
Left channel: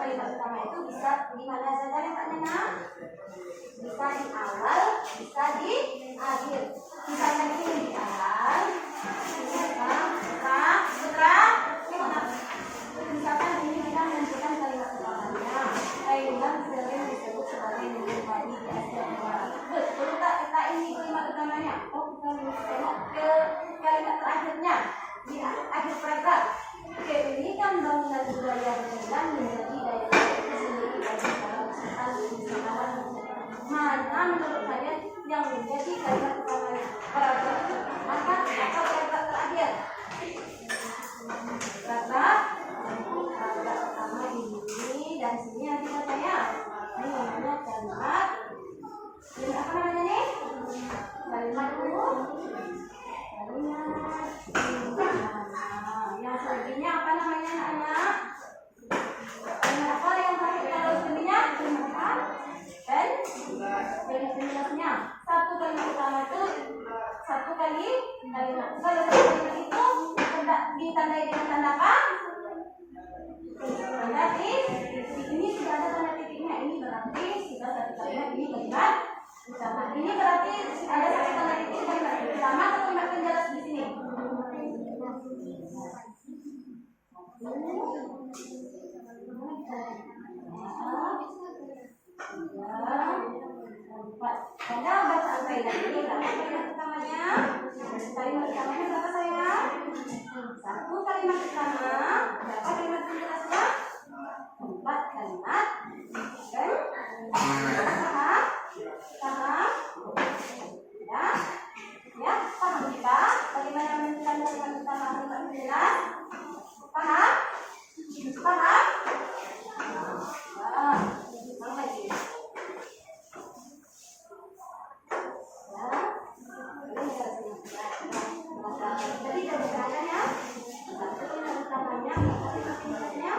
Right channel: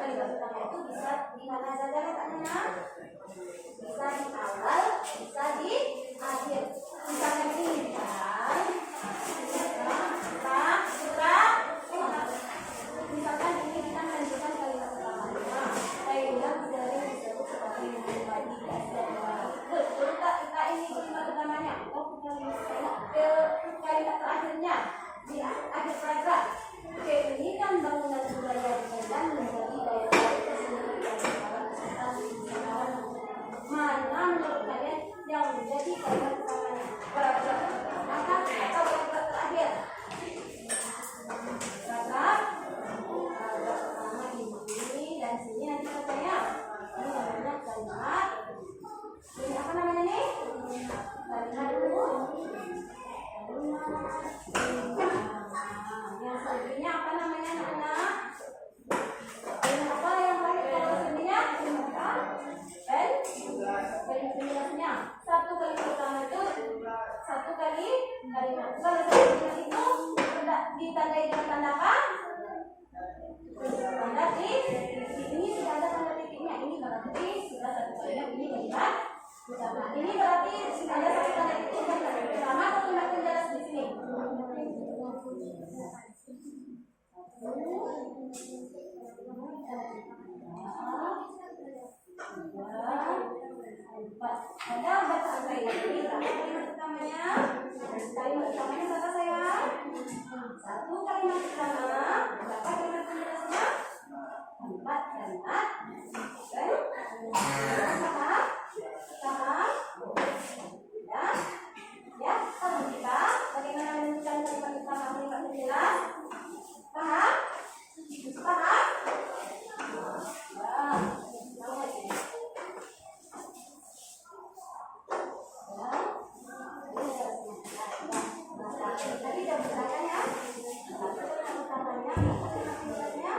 Kalimat pertama itu bisa di mana saja letaknya? Bisa di awal, bisa di akhir. Misalnya ini misalkan misalkan ini kita menentukan kalimat pertamanya. Kalimat sering disebut sebagai menjadi betul tak kita ini kalimat pertamanya? Oh, kita tengok ke kalimat terakhirnya di akhir paragraf. Oke, ini kan bangunan budaya dan menjadi daya tarik tersendiri bagi para wisatawan. Mana menurut kalian yang menjadi kalimat pertamanya? Paragraf pertama atau paragraf terakhir? Paragraf pertama ini dan sini nanti katanya ini namanya kalimat. Ini apa namanya nih? Kalimat dulu. satu kali kalimat. Kalau satu kalimat itu ditandai dengan tanda apa? Tanda titik. Ini sudah ada tanda titiknya. Ini berarti sudah satu kalimat. Ini kalimat pertama. Ini berarti ada satu tanda titik kalimat pertama atau kalimat penjelas di sini. Pada bacaan kalimat ini berapa kalimat pertamanya? Kalimat pertamanya berapa sayang? Satu kalimat pertama. Berapa kalimat penjelasnya? 4 kalimat. Kan? Paham? Paham? Ya? Ya? Paham kita? Bagaimana menentukan kalimat pertama, kalimat penjelas? Paham? Paham? Wah, mau lagi. Tadi sudah diterangkan ya. Satu kalimat utamanya, kalimat penjelasnya.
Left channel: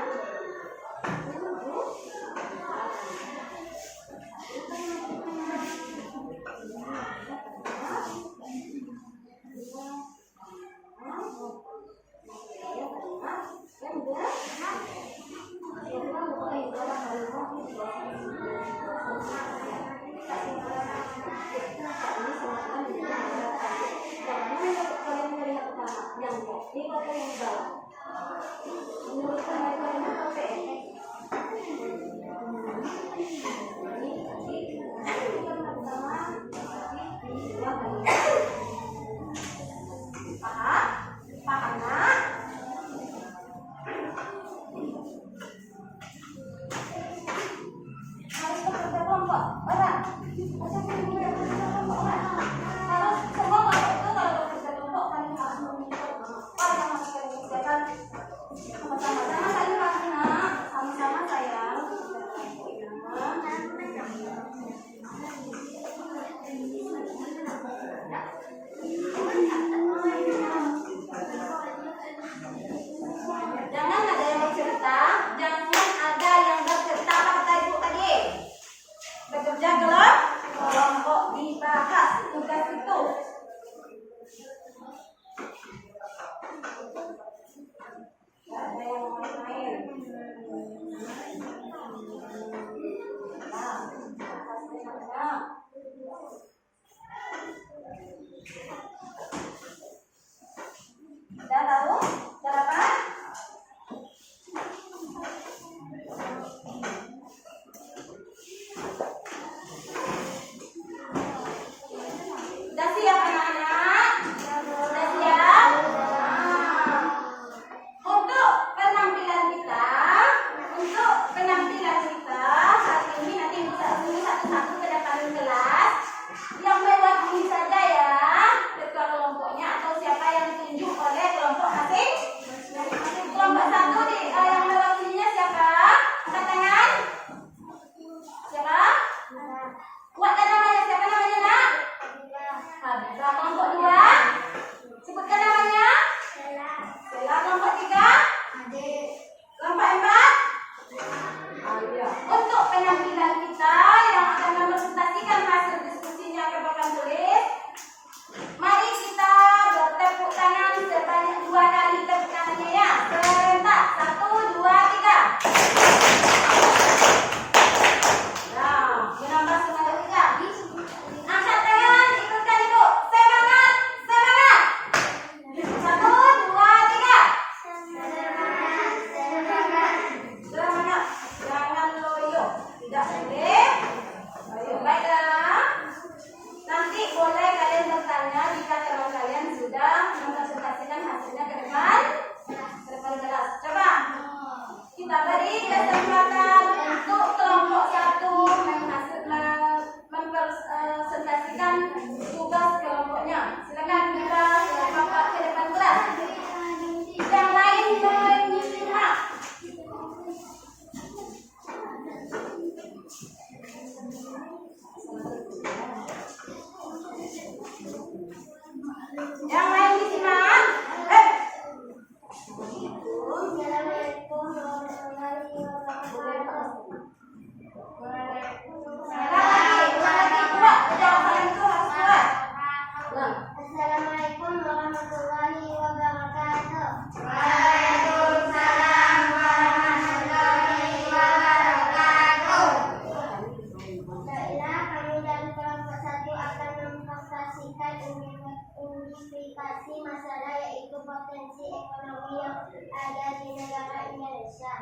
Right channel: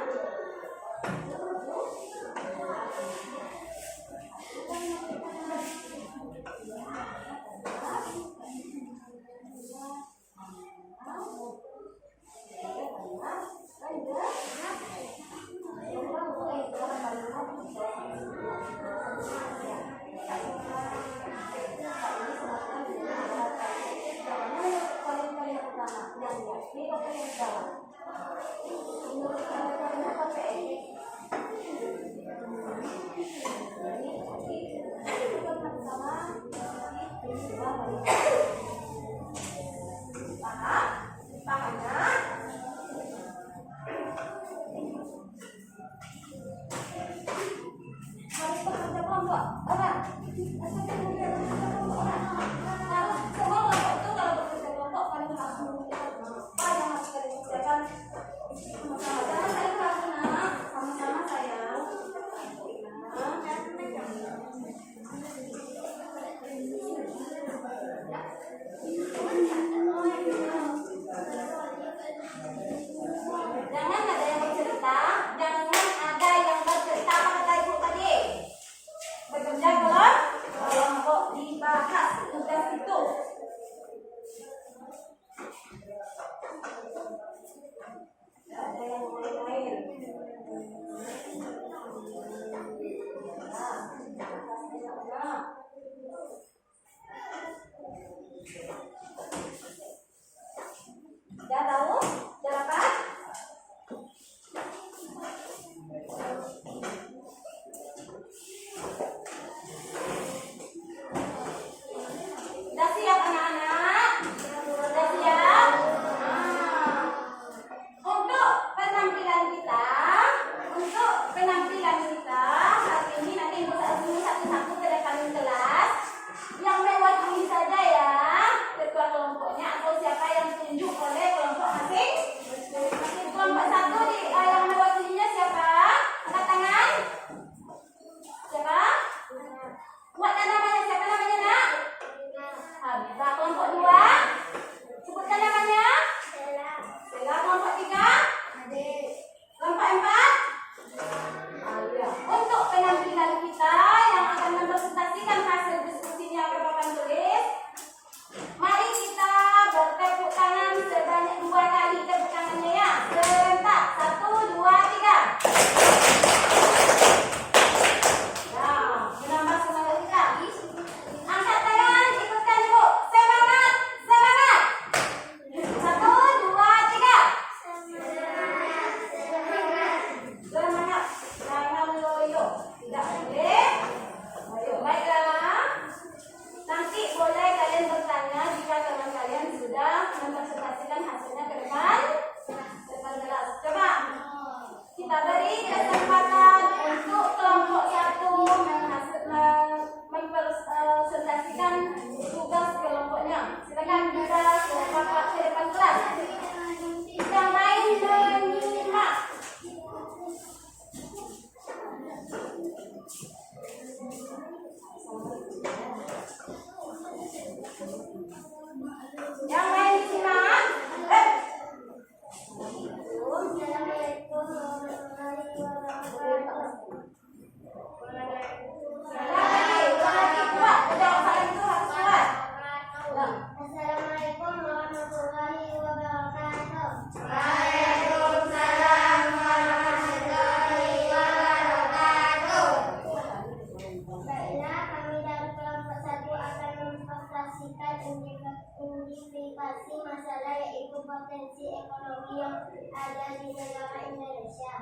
potensi ekonomi yang ada di negara Indonesia.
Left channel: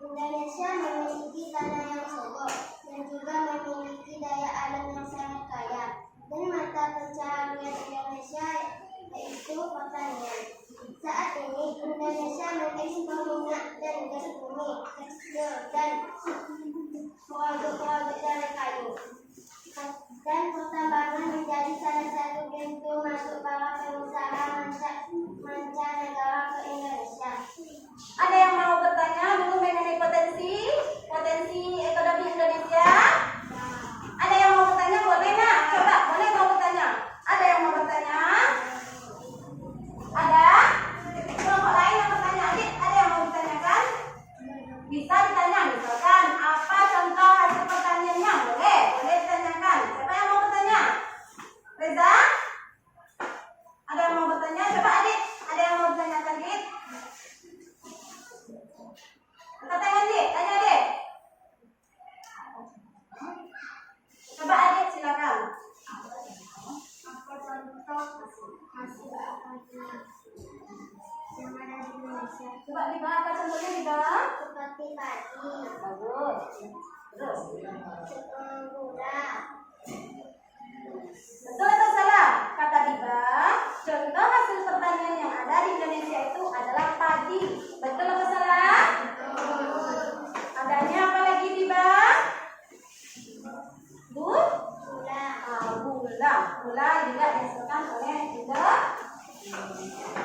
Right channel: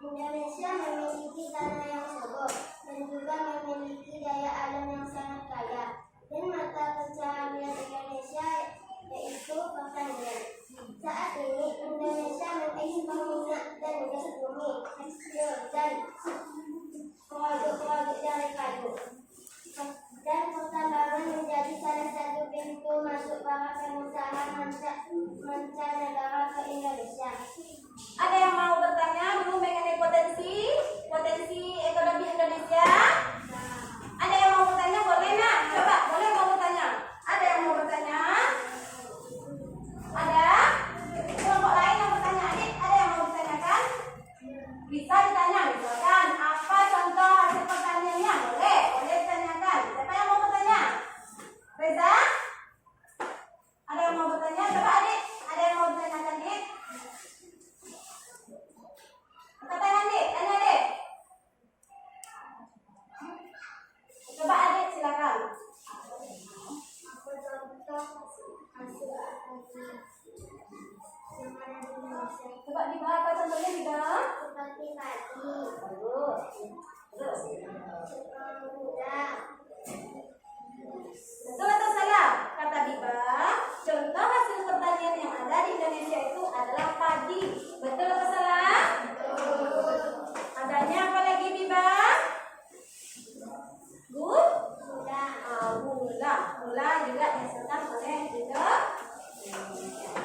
Indonesia memiliki tanah yang subur dan juga memiliki daya alam yang sangat kaya. Dan mata pencaharian Indonesia yaitu pertanian. Saat ini Indonesia mengekspor minyak dan gas bumi, tekstil dan produk-produk dari kayu. Dan pertambangan menjadi salah satu pintu masuk para pengusaha mancanegara ke Indonesia. Ada yang mau bertanya dulu mengenai potensi ekonomi Indonesia? Ada yang mau bertanya? Boleh nak? Coba, boleh mau bertanya? Ada yang mau bertanya? Ada? Kelompok lain yang bertanya, adik? Ada yang mau ditanyakan? Bisa ditanya, misalkan apa contoh hasil pertaniannya? Boleh ditanyakan. Siapa yang mau bertanya? Reza? Ada yang mau bertanya? Coba adik, ada yang mau ditanyakan, adik? Angkat tangan, adik. Tanya, adik. Coba adik, silakan. Apa contoh hasil pertanian yang ada di Indonesia? Coba di bawah, apa contohnya di bawah? Seperti padi, Bagus. Terus. gula, Betul atau salah? Kata Biba, contoh hasil pertanian yang ada di Indonesia itu adalah padi. Betul atau salah? Adanya apa lagi Biba? Gula. Gula juga dihasilkan oleh juga.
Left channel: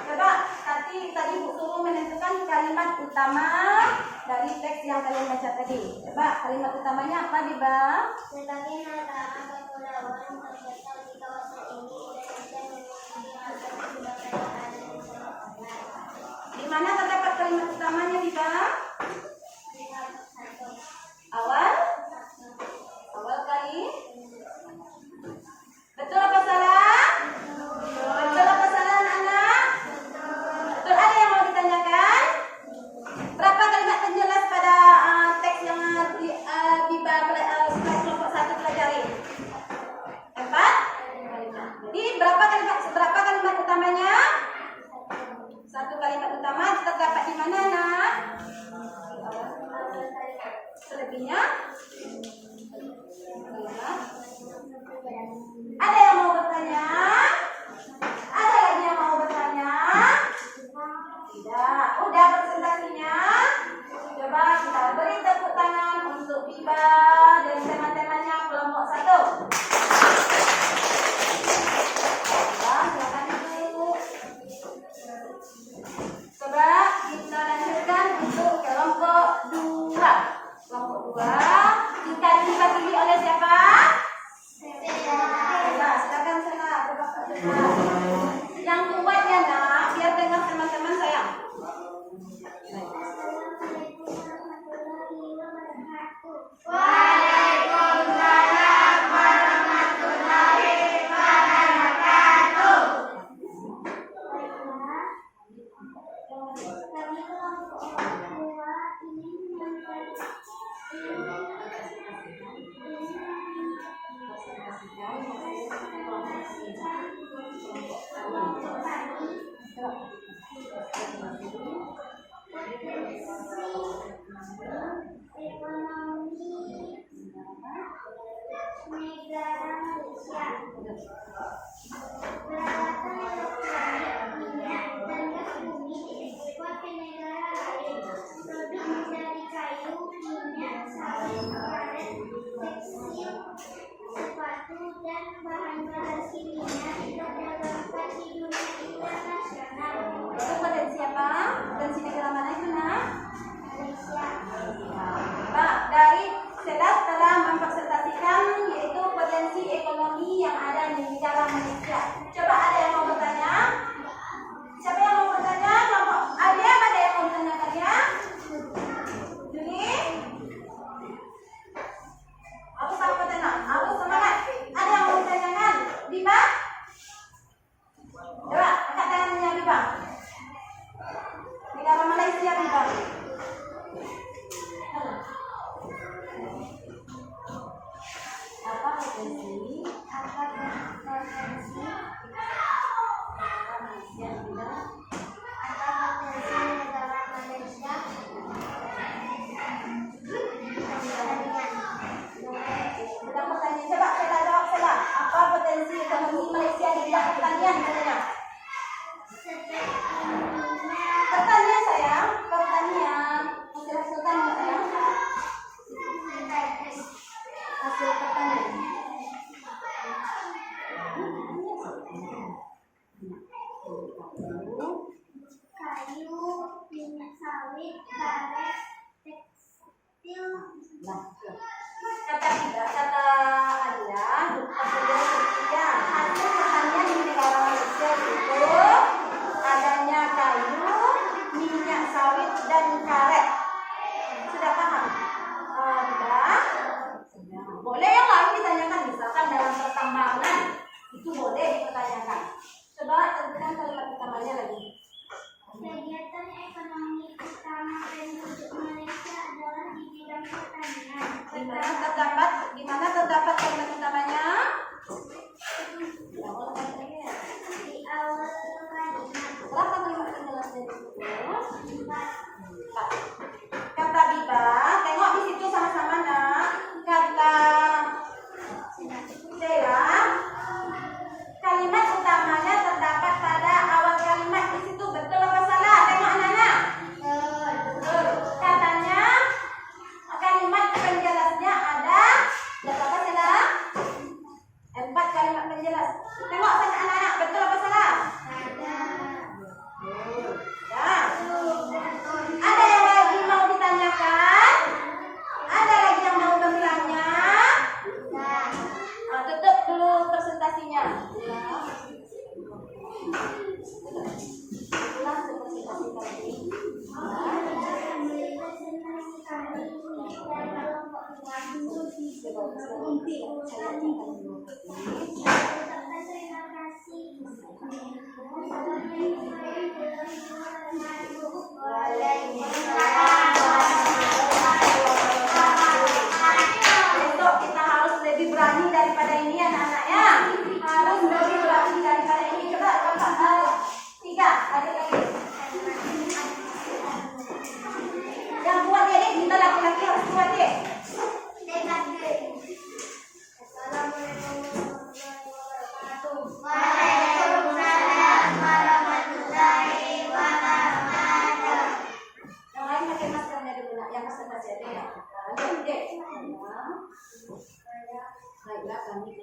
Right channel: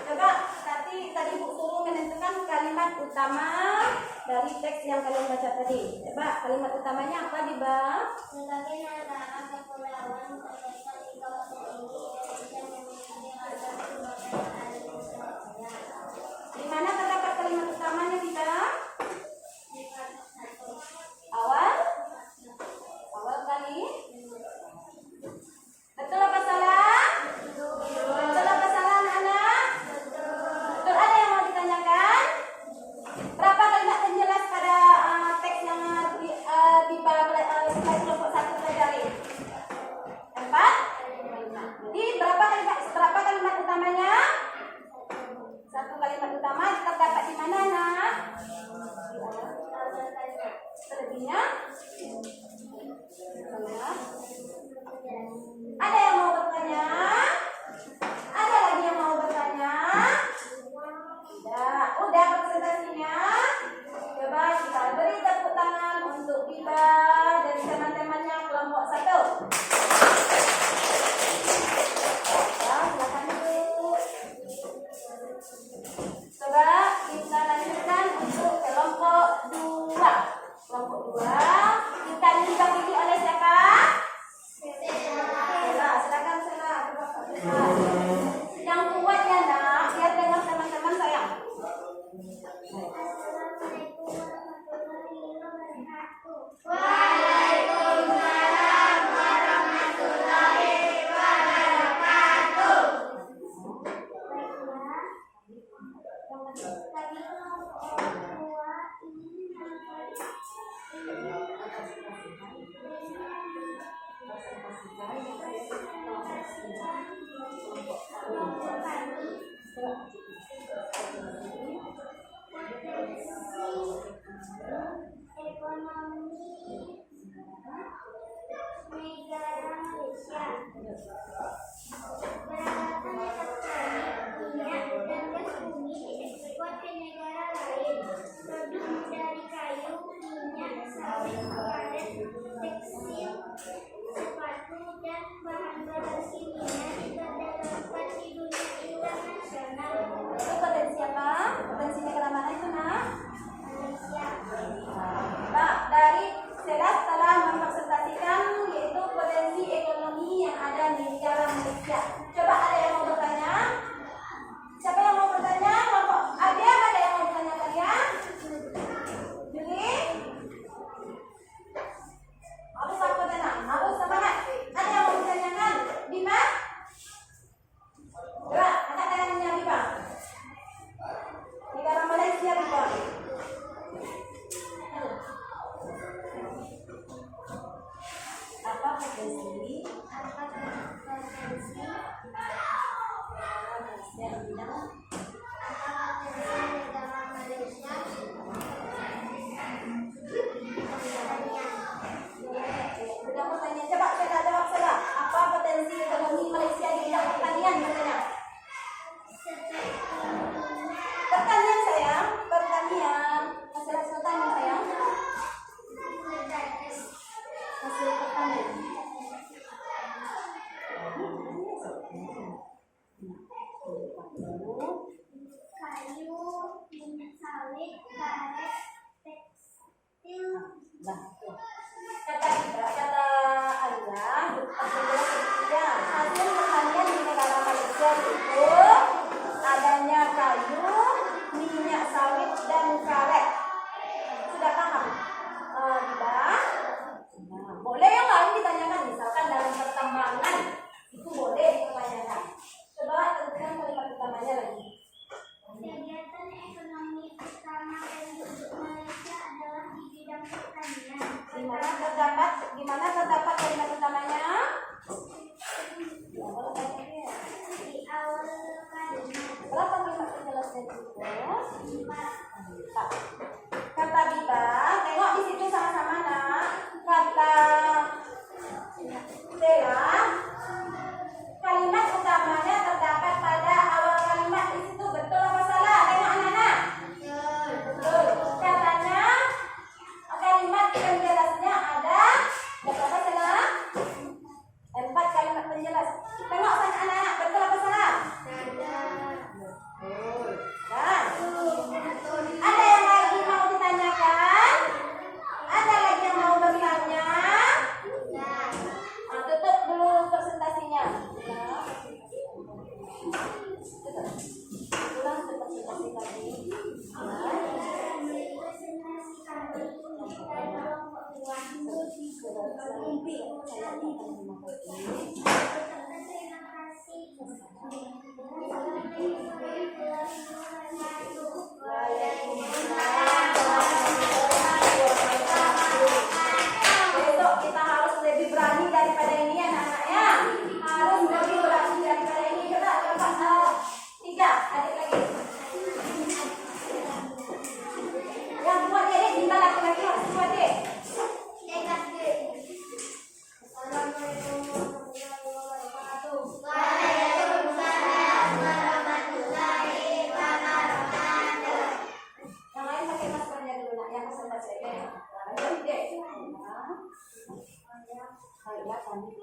Coba tadi Bu suruh menentukan kalimat utama dari teks yang kalian baca tadi. Coba kalimat utamanya apa Biba? sebagai negara kepulauan terbesar di kawasan ini, Indonesia memiliki ragam sumber daya alam yang sangat kaya. Di mana terdapat kalimat utamanya Biba? Lihat satu. Awal kali. Betul apa salah? Betul apa salah anak-anak? Betul. Ada yang mau ditanyakan? Berapa kalimat penjelas pada teks yang Biba slide kelompok 1 pelajari? 4 kalimat. Jadi berapa kalimat utamanya? 1 kalimat utama terdapat di mana nak? Di awal kalimat. Selebihnya? Ada yang mau bertanya? Ada lagi yang mau bertanya? Tidak. Udah presentasinya? Coba kita beri tepuk tangan untuk Biba dan teman-temannya kelompok 1. Silakan duduk. Coba kita lanjutkan untuk kelompok 2. Kelompok 2 kita dibagi oleh siapa? Silakan Sela. Yang kuat ya nak, biar dengar teman-teman sayang. Assalamualaikum warahmatullahi wabarakatuh. Waalaikumsalam warahmatullahi wabarakatuh. Baiklah, kami kelompok orang tua ekonomi negara Malaysia. Peralatan elektronik, minyak, dan gas bumi diekspor ke negara lain. Produk dari kayu, minyak, sawit, karet, tekstil, sepatu, dan bahan-bahan kimia diperdagangkan di dunia internasional. Itu potensi apa? Potensi negara mana itu nak? Malaysia. Pak, dari Sela telah mempresentasikan yaitu potensi ekonomi yang ada di negara Malaysia. Coba ada yang mau bertanya? Siapa yang mau bertanya? Kelompok ada yang mau bertanyakannya? Juli? Aku sama tenang, aku semangat. Ada yang mau ditanyakan? Bima? Coba angkat tangannya Bima. Negara Malaysia Bima. Apa potensi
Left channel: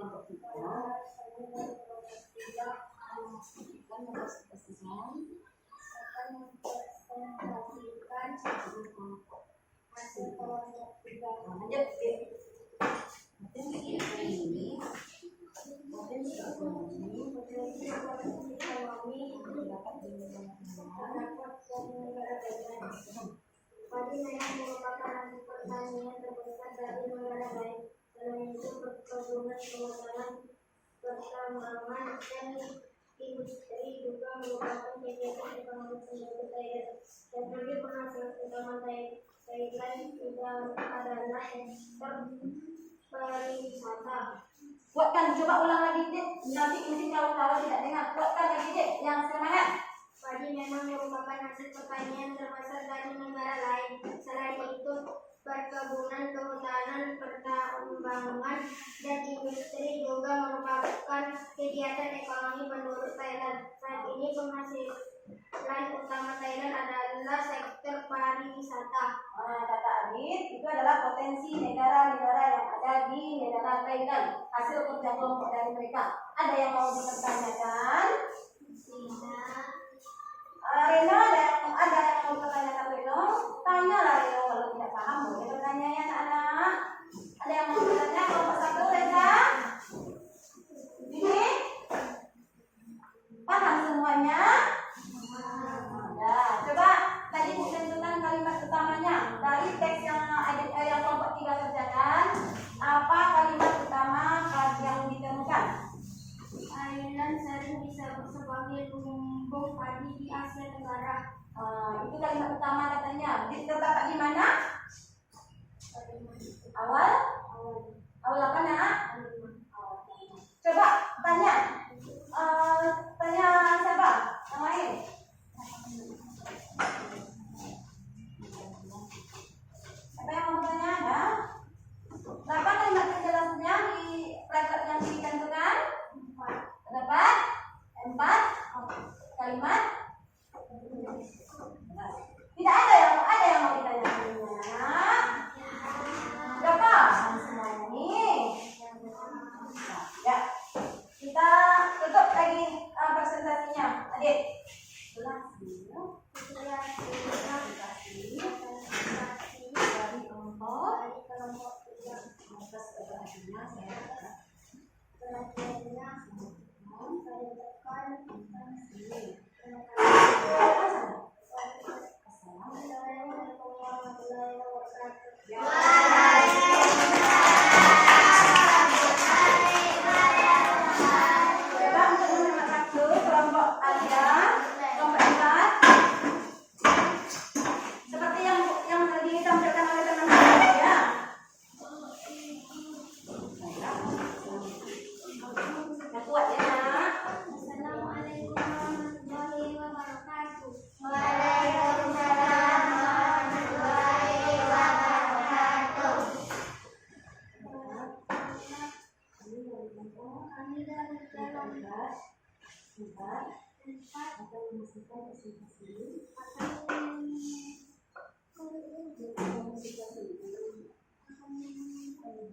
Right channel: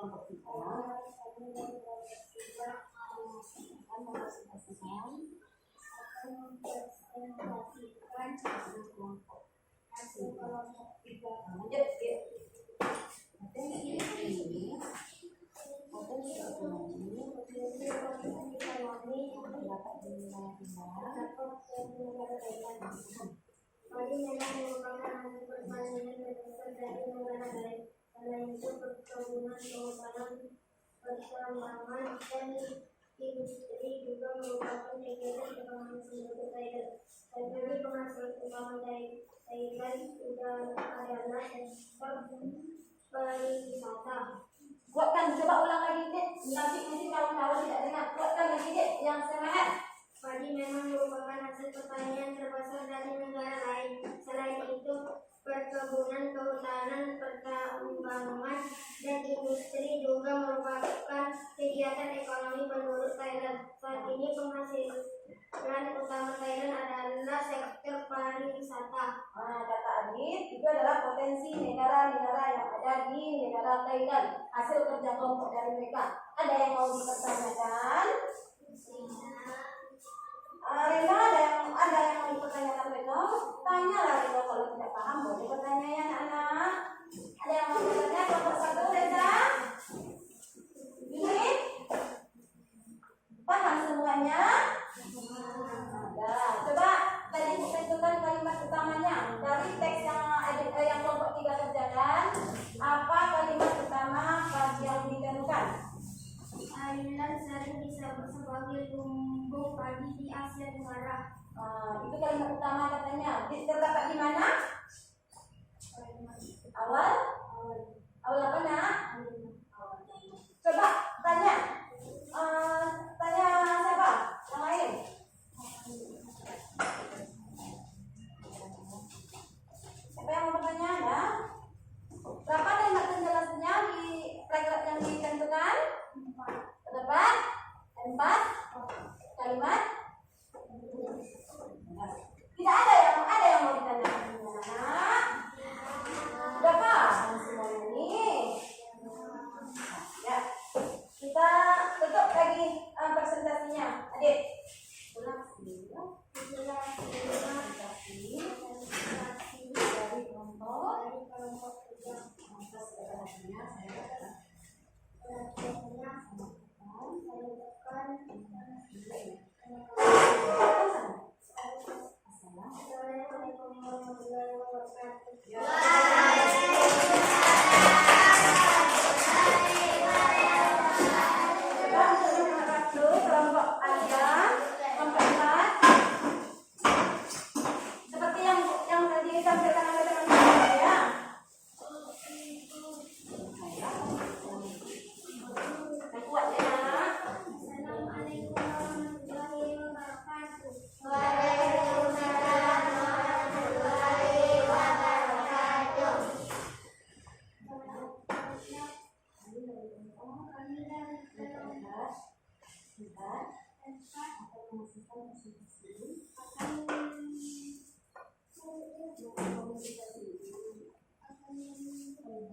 kelompok 3 akan mempresentasikan hasil kelompok 3. Lanjut, potensi ekonomi dapat terdapat dari negara Thailand. Padi memang merupakan hasil pertanian terbesar dari negara lain. Selain itu, perkebunan, kehutanan, pertambangan, dan industri juga merupakan kegiatan ekonomi penduduk Thailand. Teknologi penghasil utama Thailand adalah sektor pariwisata. Buatkan, coba ulang lagi Dek. Nanti mungkin kalau tidak dengar, buatkan lagi Dek yang semangat. Padi memang merupakan hasil pertanian terbesar dari negara lain. Selain itu, perkebunan, kehutanan, pertambangan, dan industri juga merupakan kegiatan ekonomi penduduk Thailand. Saat ini penghasilan utama Thailand adalah sektor pariwisata. Kata Adit, itu adalah potensi negara-negara yang ada di negara Thailand. Hasil kerja kelompok dari mereka. Ada yang mau dipertanyakan? Reno, ada yang mau dipertanyakan Reno? Tanyalah Reno, kalau tidak paham boleh bertanya ya anak-anak. Ada yang mau bertanya? Kelompok 1, Reza? Ini? Paham semuanya? Ada. Coba tadi tentukan kalimat utamanya dari teks yang kelompok 3 kerjakan. Apa kalimat utama yang ditemukan? Thailand sering disebut sebagai lumbung padi di Asia Tenggara. Itu kalimat utama katanya. Terdapat di mana? Awal apa nak? Coba tanya. Tanya siapa? Yang lain. Siapa yang mau bertanya? Ada? Berapa kalimat penjelasannya di paragraf yang ditentukan? Terdapat 4 kalimat. Tidak ada yang mau ditanyakan anak. Sudah paham semuanya nih. Ya, kita tutup lagi presentasinya. Adik, ulang dulu. Dari kelompok 3. Atas perhatiannya saya Assalamualaikum warahmatullahi wabarakatuh. Coba untuk nomor 1 kelompok ada kelompok 4 seperti yang ditampilkan oleh teman-teman ya. Yang kuat ya nak. Assalamualaikum warahmatullahi wabarakatuh. Waalaikumsalam warahmatullahi wabarakatuh. Kami dari kelompok 4 akan memasukkan presentasi.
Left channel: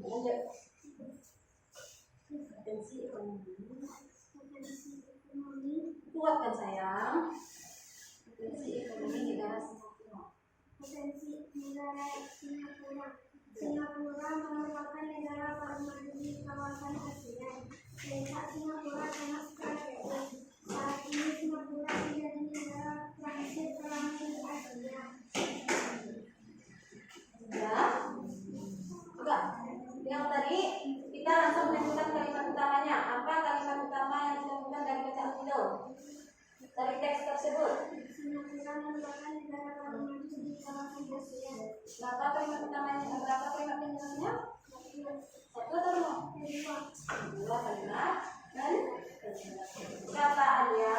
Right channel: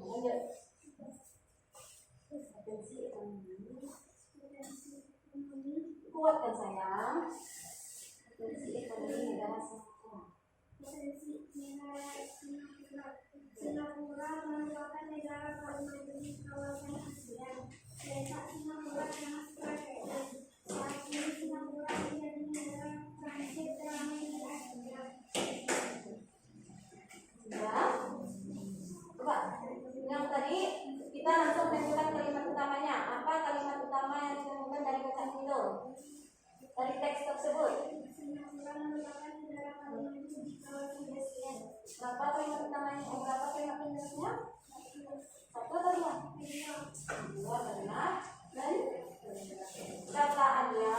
Lanjut. Potensi ekonomi. Kuatkan sayang. Potensi ekonomi negara Singapura. Potensi negara Singapura. Singapura merupakan negara paling maju di kawasan ASEAN. Letak Singapura sangat strategis. Saat ini Singapura menjadi negara transit teramai di Asia. Ya. Coba yang tadi kita langsung menentukan kalimat utamanya. Apa kalimat utama yang ditemukan dari bacaan itu? Dari teks tersebut. Singapura merupakan negara paling maju di kawasan ASEAN. Berapa kalimat utamanya? Berapa kalimat penjelasannya? 1 atau 2? 2 kalimat. Dan kataannya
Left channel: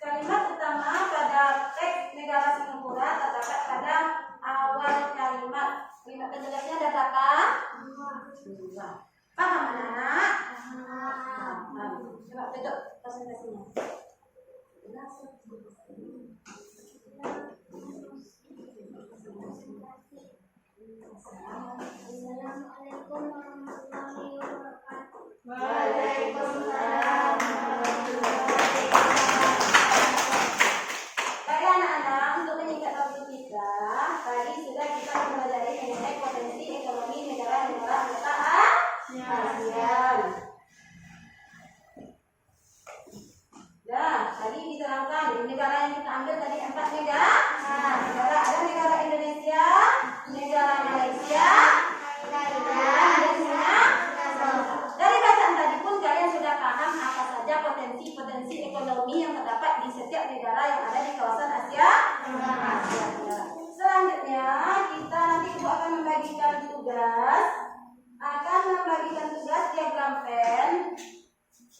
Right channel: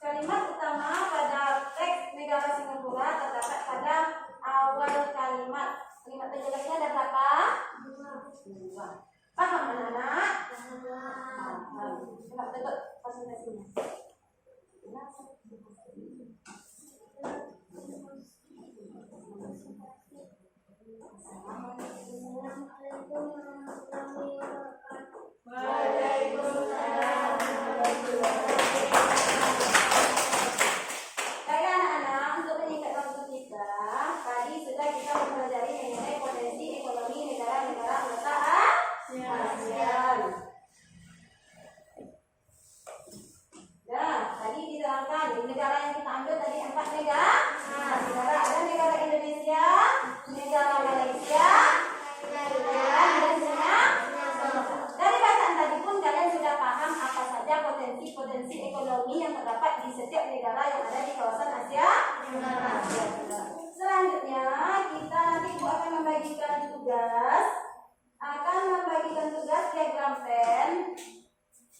kalimat utama pada teks negara Singapura terdapat pada awal kalimat. Kalimat penjelasnya ada berapa? 2. Paham anak-anak? Paham. Coba tutup presentasinya. Assalamualaikum warahmatullahi wabarakatuh. potensi ekonomi yang terdapat di setiap negara yang ada di kawasan Asia Tenggara. Selanjutnya kita nanti Ibu akan membagikan tugas,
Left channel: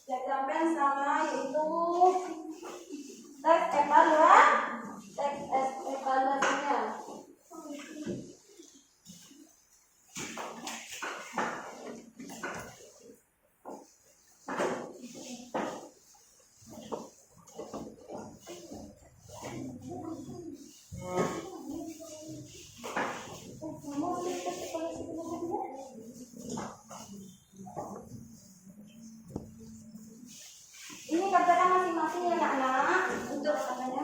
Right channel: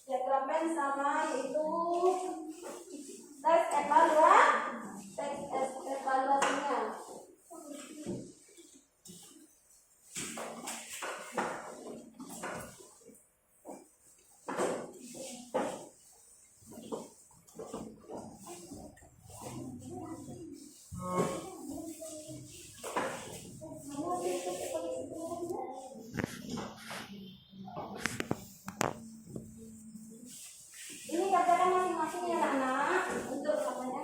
diagram pen sama yaitu teks evaluasinya. Ini kerjakan masing-masing ya anak-anak untuk apanya?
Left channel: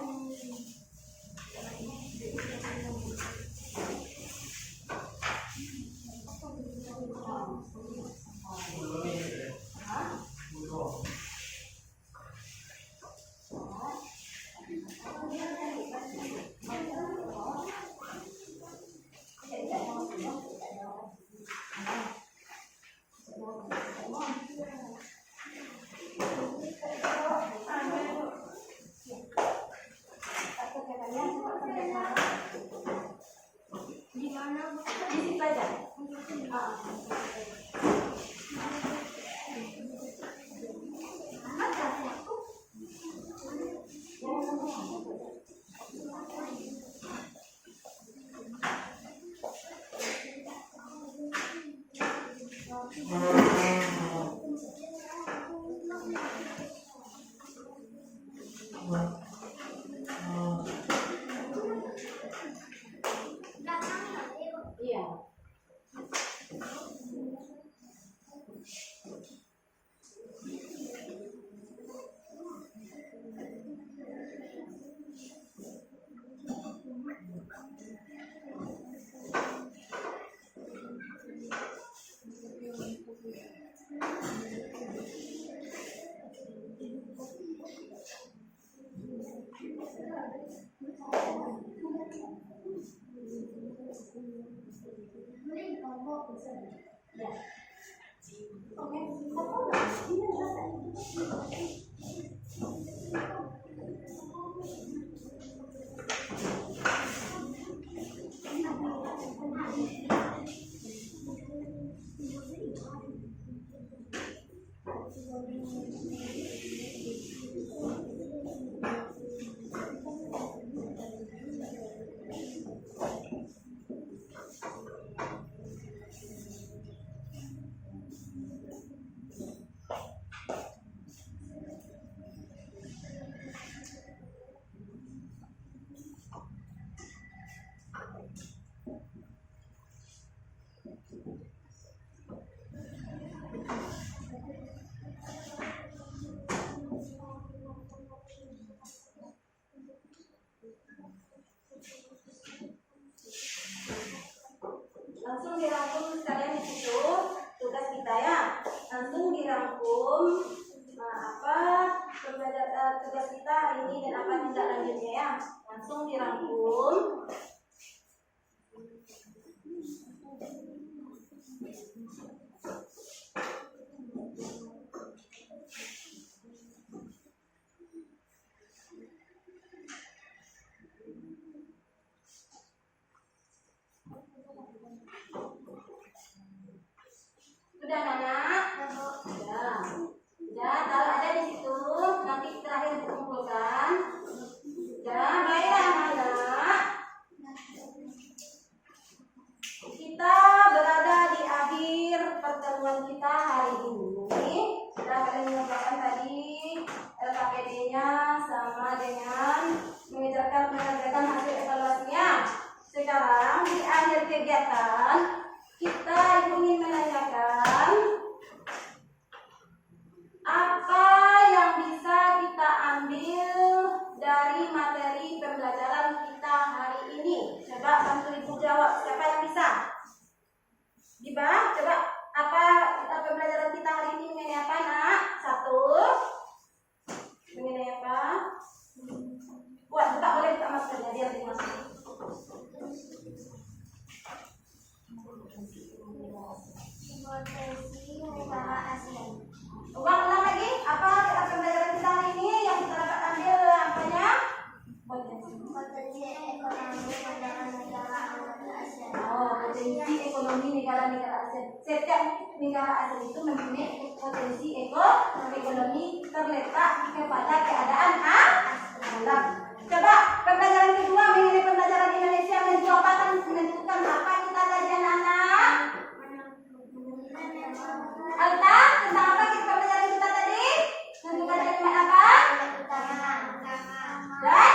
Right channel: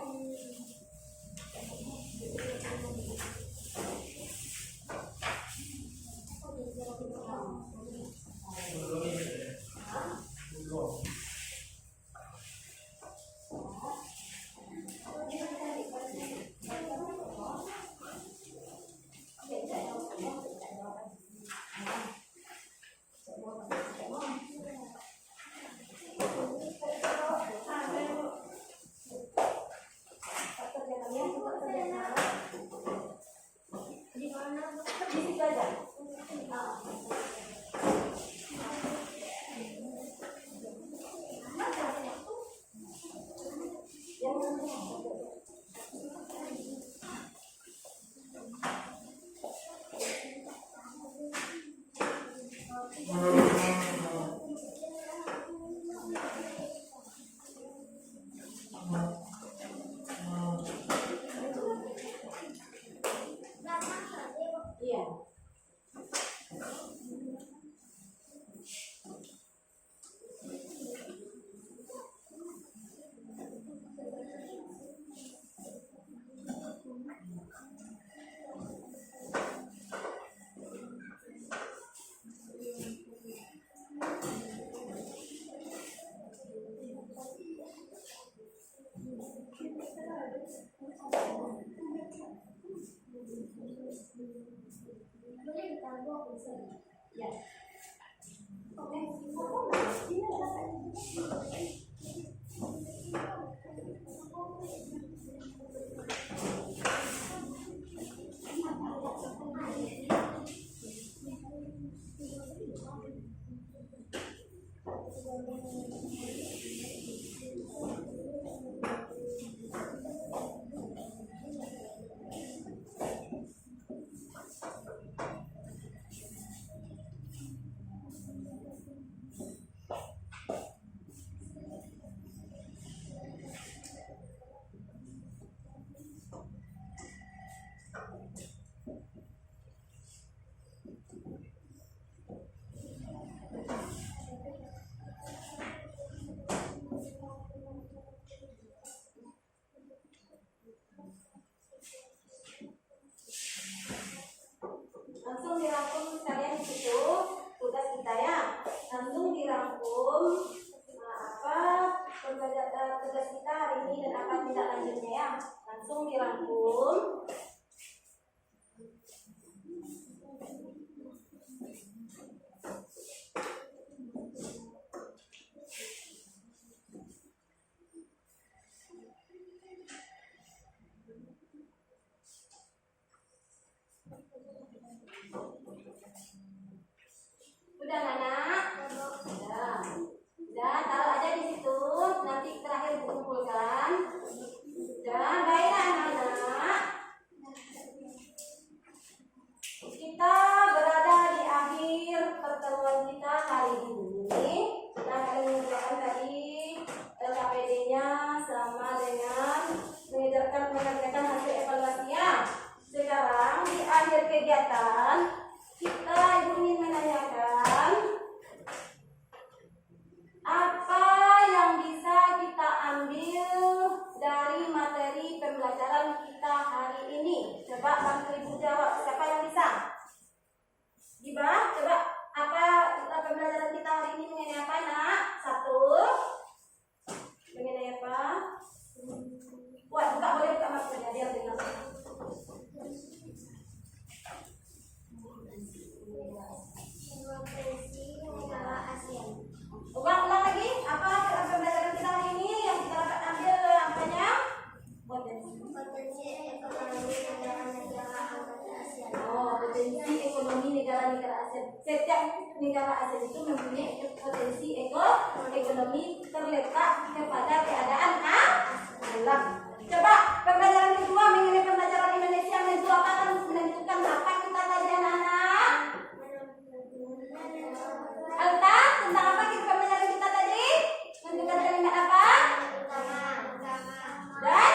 Di situ aja. Iya. Langsung dirangkum sekalian di situ tugas kita ya. Langsung dirangkum tugas kita hari ini dan apa tindak lanjutnya ya. Langsung dirangkum. Sudah anak? Sudah. Kalau ada di situ nanti terakhir dikumpulkan. Sudah, baiklah anak-anak. Kita berada di akhir pertemuan kita hari ini. Sudah kalian mengerjakan tadi LKPD-nya sama dengan mengerjakan hasil evaluasinya. Sekarang di akhir kegiatan kita ingin menanyakan apa yang bisa kita ambil dari materi pembelajaran kita hari ini. Coba bantu ibu jawab, siapa yang bisa? Giba, coba apa pembelajaran kita hari ini mengenai apa nak? Satu, mengenai apa? Wah, buka boleh buka maskernya biar dimasuk. asal itu mempunyai potensi ekonomi terletak kepada keadaan alam. Coba pembelajaran kedua mengenai pembelajaran Indonesia menentukan apa kita tadi anak-anak? Alta, tentang apa kita pembelajaran kita tadi? Tentukan kalimat apa? Dan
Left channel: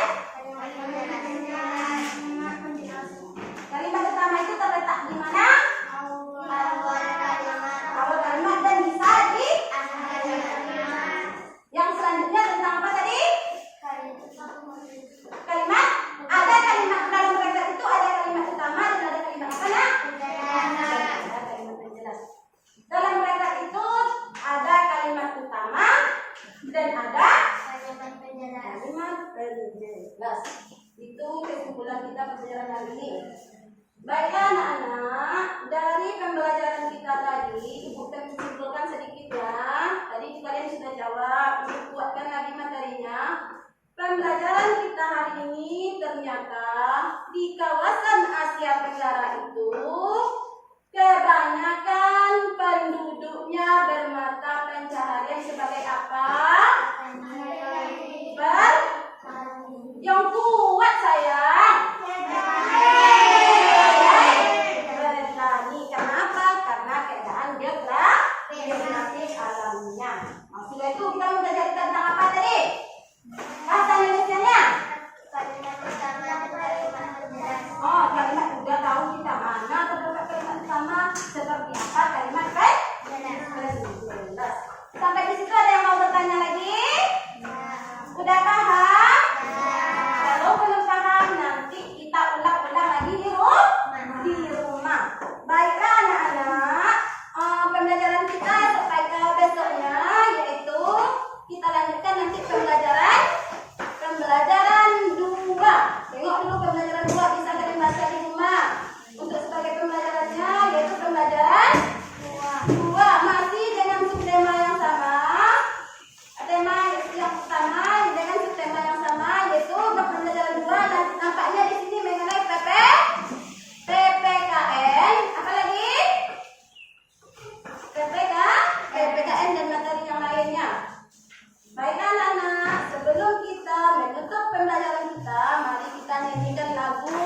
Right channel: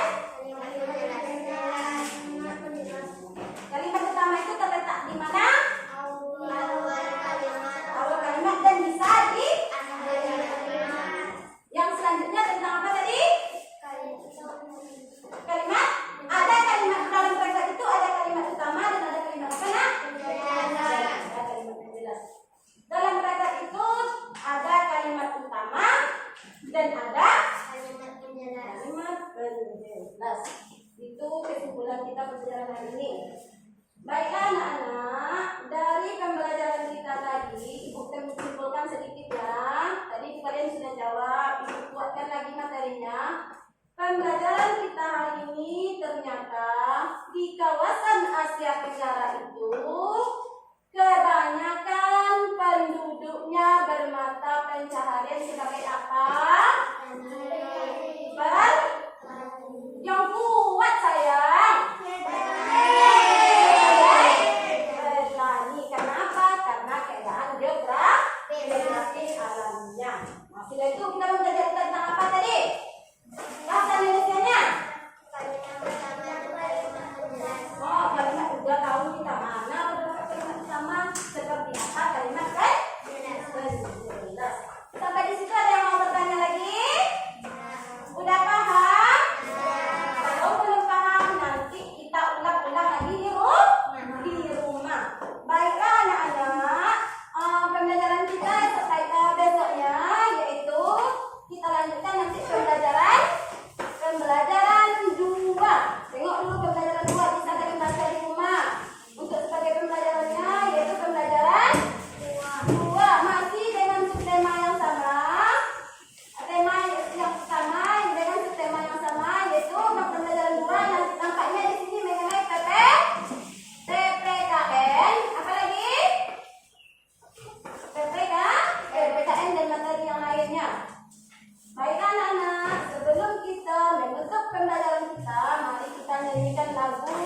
kalimat utama itu terletak di mana? Awal kalimat dan bisa di yang selanjutnya tentang apa tadi? Kalimat, ada kalimat dalam kalimat itu ada kalimat utama dan ada kalimat apa nak? Ada kalimat penjelas. Dalam kalimat itu ada kalimat utama dan ada kalimat penjelas. Itu kesimpulan kita pembelajaran hari ini. Baiklah anak-anak, dari pembelajaran kita tadi, Ibu simpulkan sedikit ya. Tadi kalian sudah jawab, Ibu kuatkan lagi materinya. Pembelajaran kita hari ini ternyata di kawasan Asia Tenggara itu kebanyakan penduduknya bermata pencaharian sebagai apa? Yang kuat sayang. Bertani. Kenapa? Karena keadaan geografis alamnya. Maksudnya itu kita belajar tentang apa tadi? Bahasa Indonesianya? Oh, kalimat udah tahu kita mana terdapat kalimat utama seperti apa kalimat penjelas. Sampai di situ ada yang mau bertanya lagi? Udah paham? Kalau belum paham nanti kita ulang-ulang lagi di rumah. Baiklah anak-anak, pembelajaran kita besoknya yaitu kita lanjutkan nanti pembelajaran 2. Tengok dulu pembelajaran 2 bisa nggak dibaca di rumah. Untuk sebagai pembelajarannya yaitu pembelajaran 2 masih dengan subtema yang sama. Tema yang sama dengan subtema yang sama yaitu pembelajaran 2 nampaknya di sini mengenai PPKN. Apa lagi? PPKN dan materi yang lainnya. Baiklah anak-anak, sebelum kita menutup pembelajaran kita, mari kita nyanyikan lagu.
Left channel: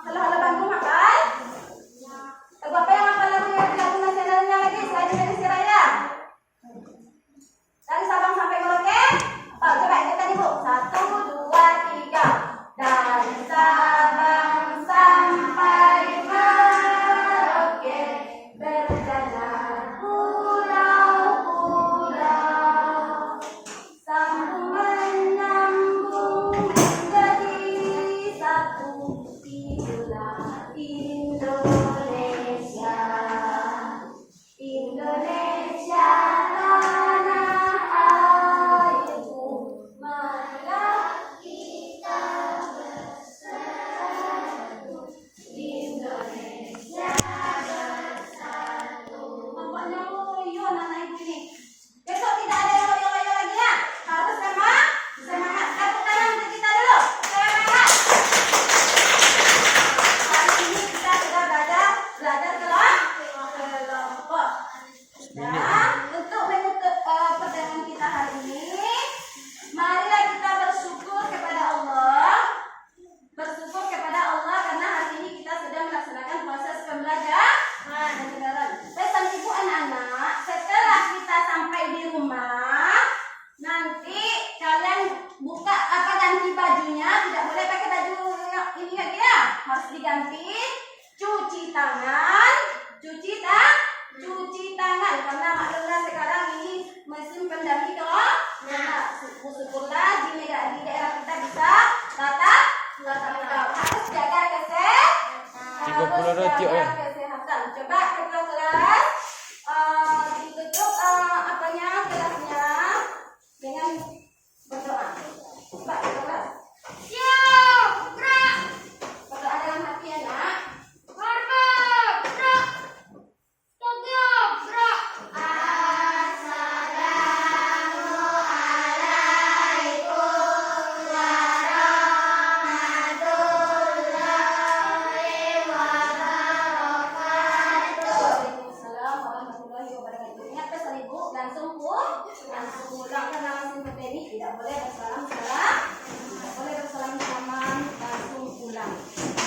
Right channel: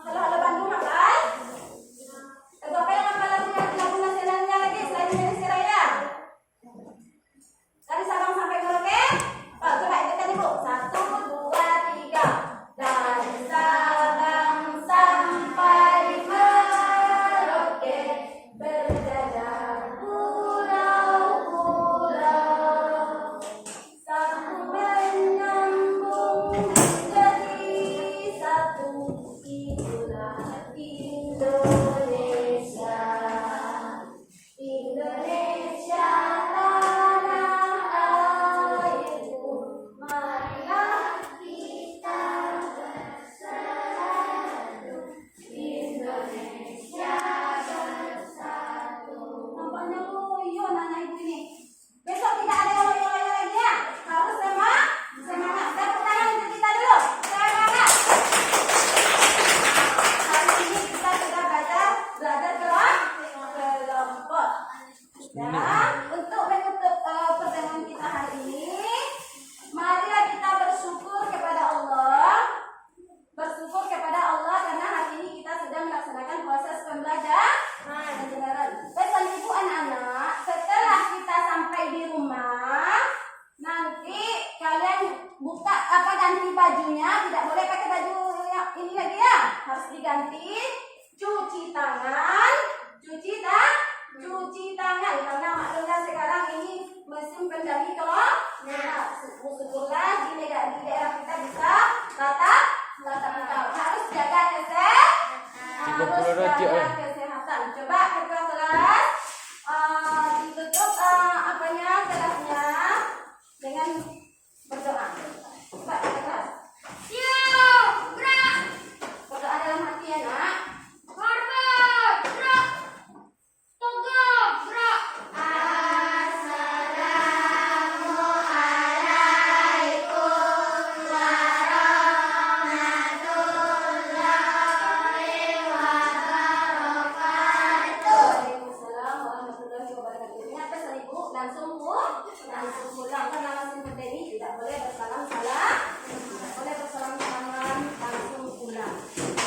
Kalau ada Bandung hafal? Lagu apa yang hafal lagu nasionalnya lagi selain Indonesia Raya? Dari Sabang sampai Merauke? Oh, coba ikutan ibu. 1, 2, 3. Dari Sabang sampai Merauke berjalan pulau-pulau, sambung menyambung menjadi satu. Itulah Indonesia. Indonesia tanah airku, marilah kita bersatu. Indonesia bersatu. Nampaknya loyo anak ibu ini. Besok tidak ada yang loyo-loyo lagi ya. Harus semangat. Tepuk tangan untuk kita dulu. Semangat. Hari ini kita sudah belajar kelompok. Dan untuk menutup pertemuan kita hari ini, marilah kita bersyukur kepada Allah. Bersyukur kepada Allah karena hari ini kita sudah melaksanakan proses pembelajaran. Pesan ibu anak-anak, setelah kita sampai di rumah, nanti kalian buka ganti bajunya, tidak boleh pakai baju yang ini lagi ya, harus diganti. Cuci tangan karena maklumlah sekarang ini musim pandemi syukurlah di daerah kita bisa tatap muka. Harus jaga kesehatan. Coba ketua kelas ditutup kelasnya dengan berdoa. Coba ketua kelas. Berdoa dalam hati ya nak. tidak boleh bersalaman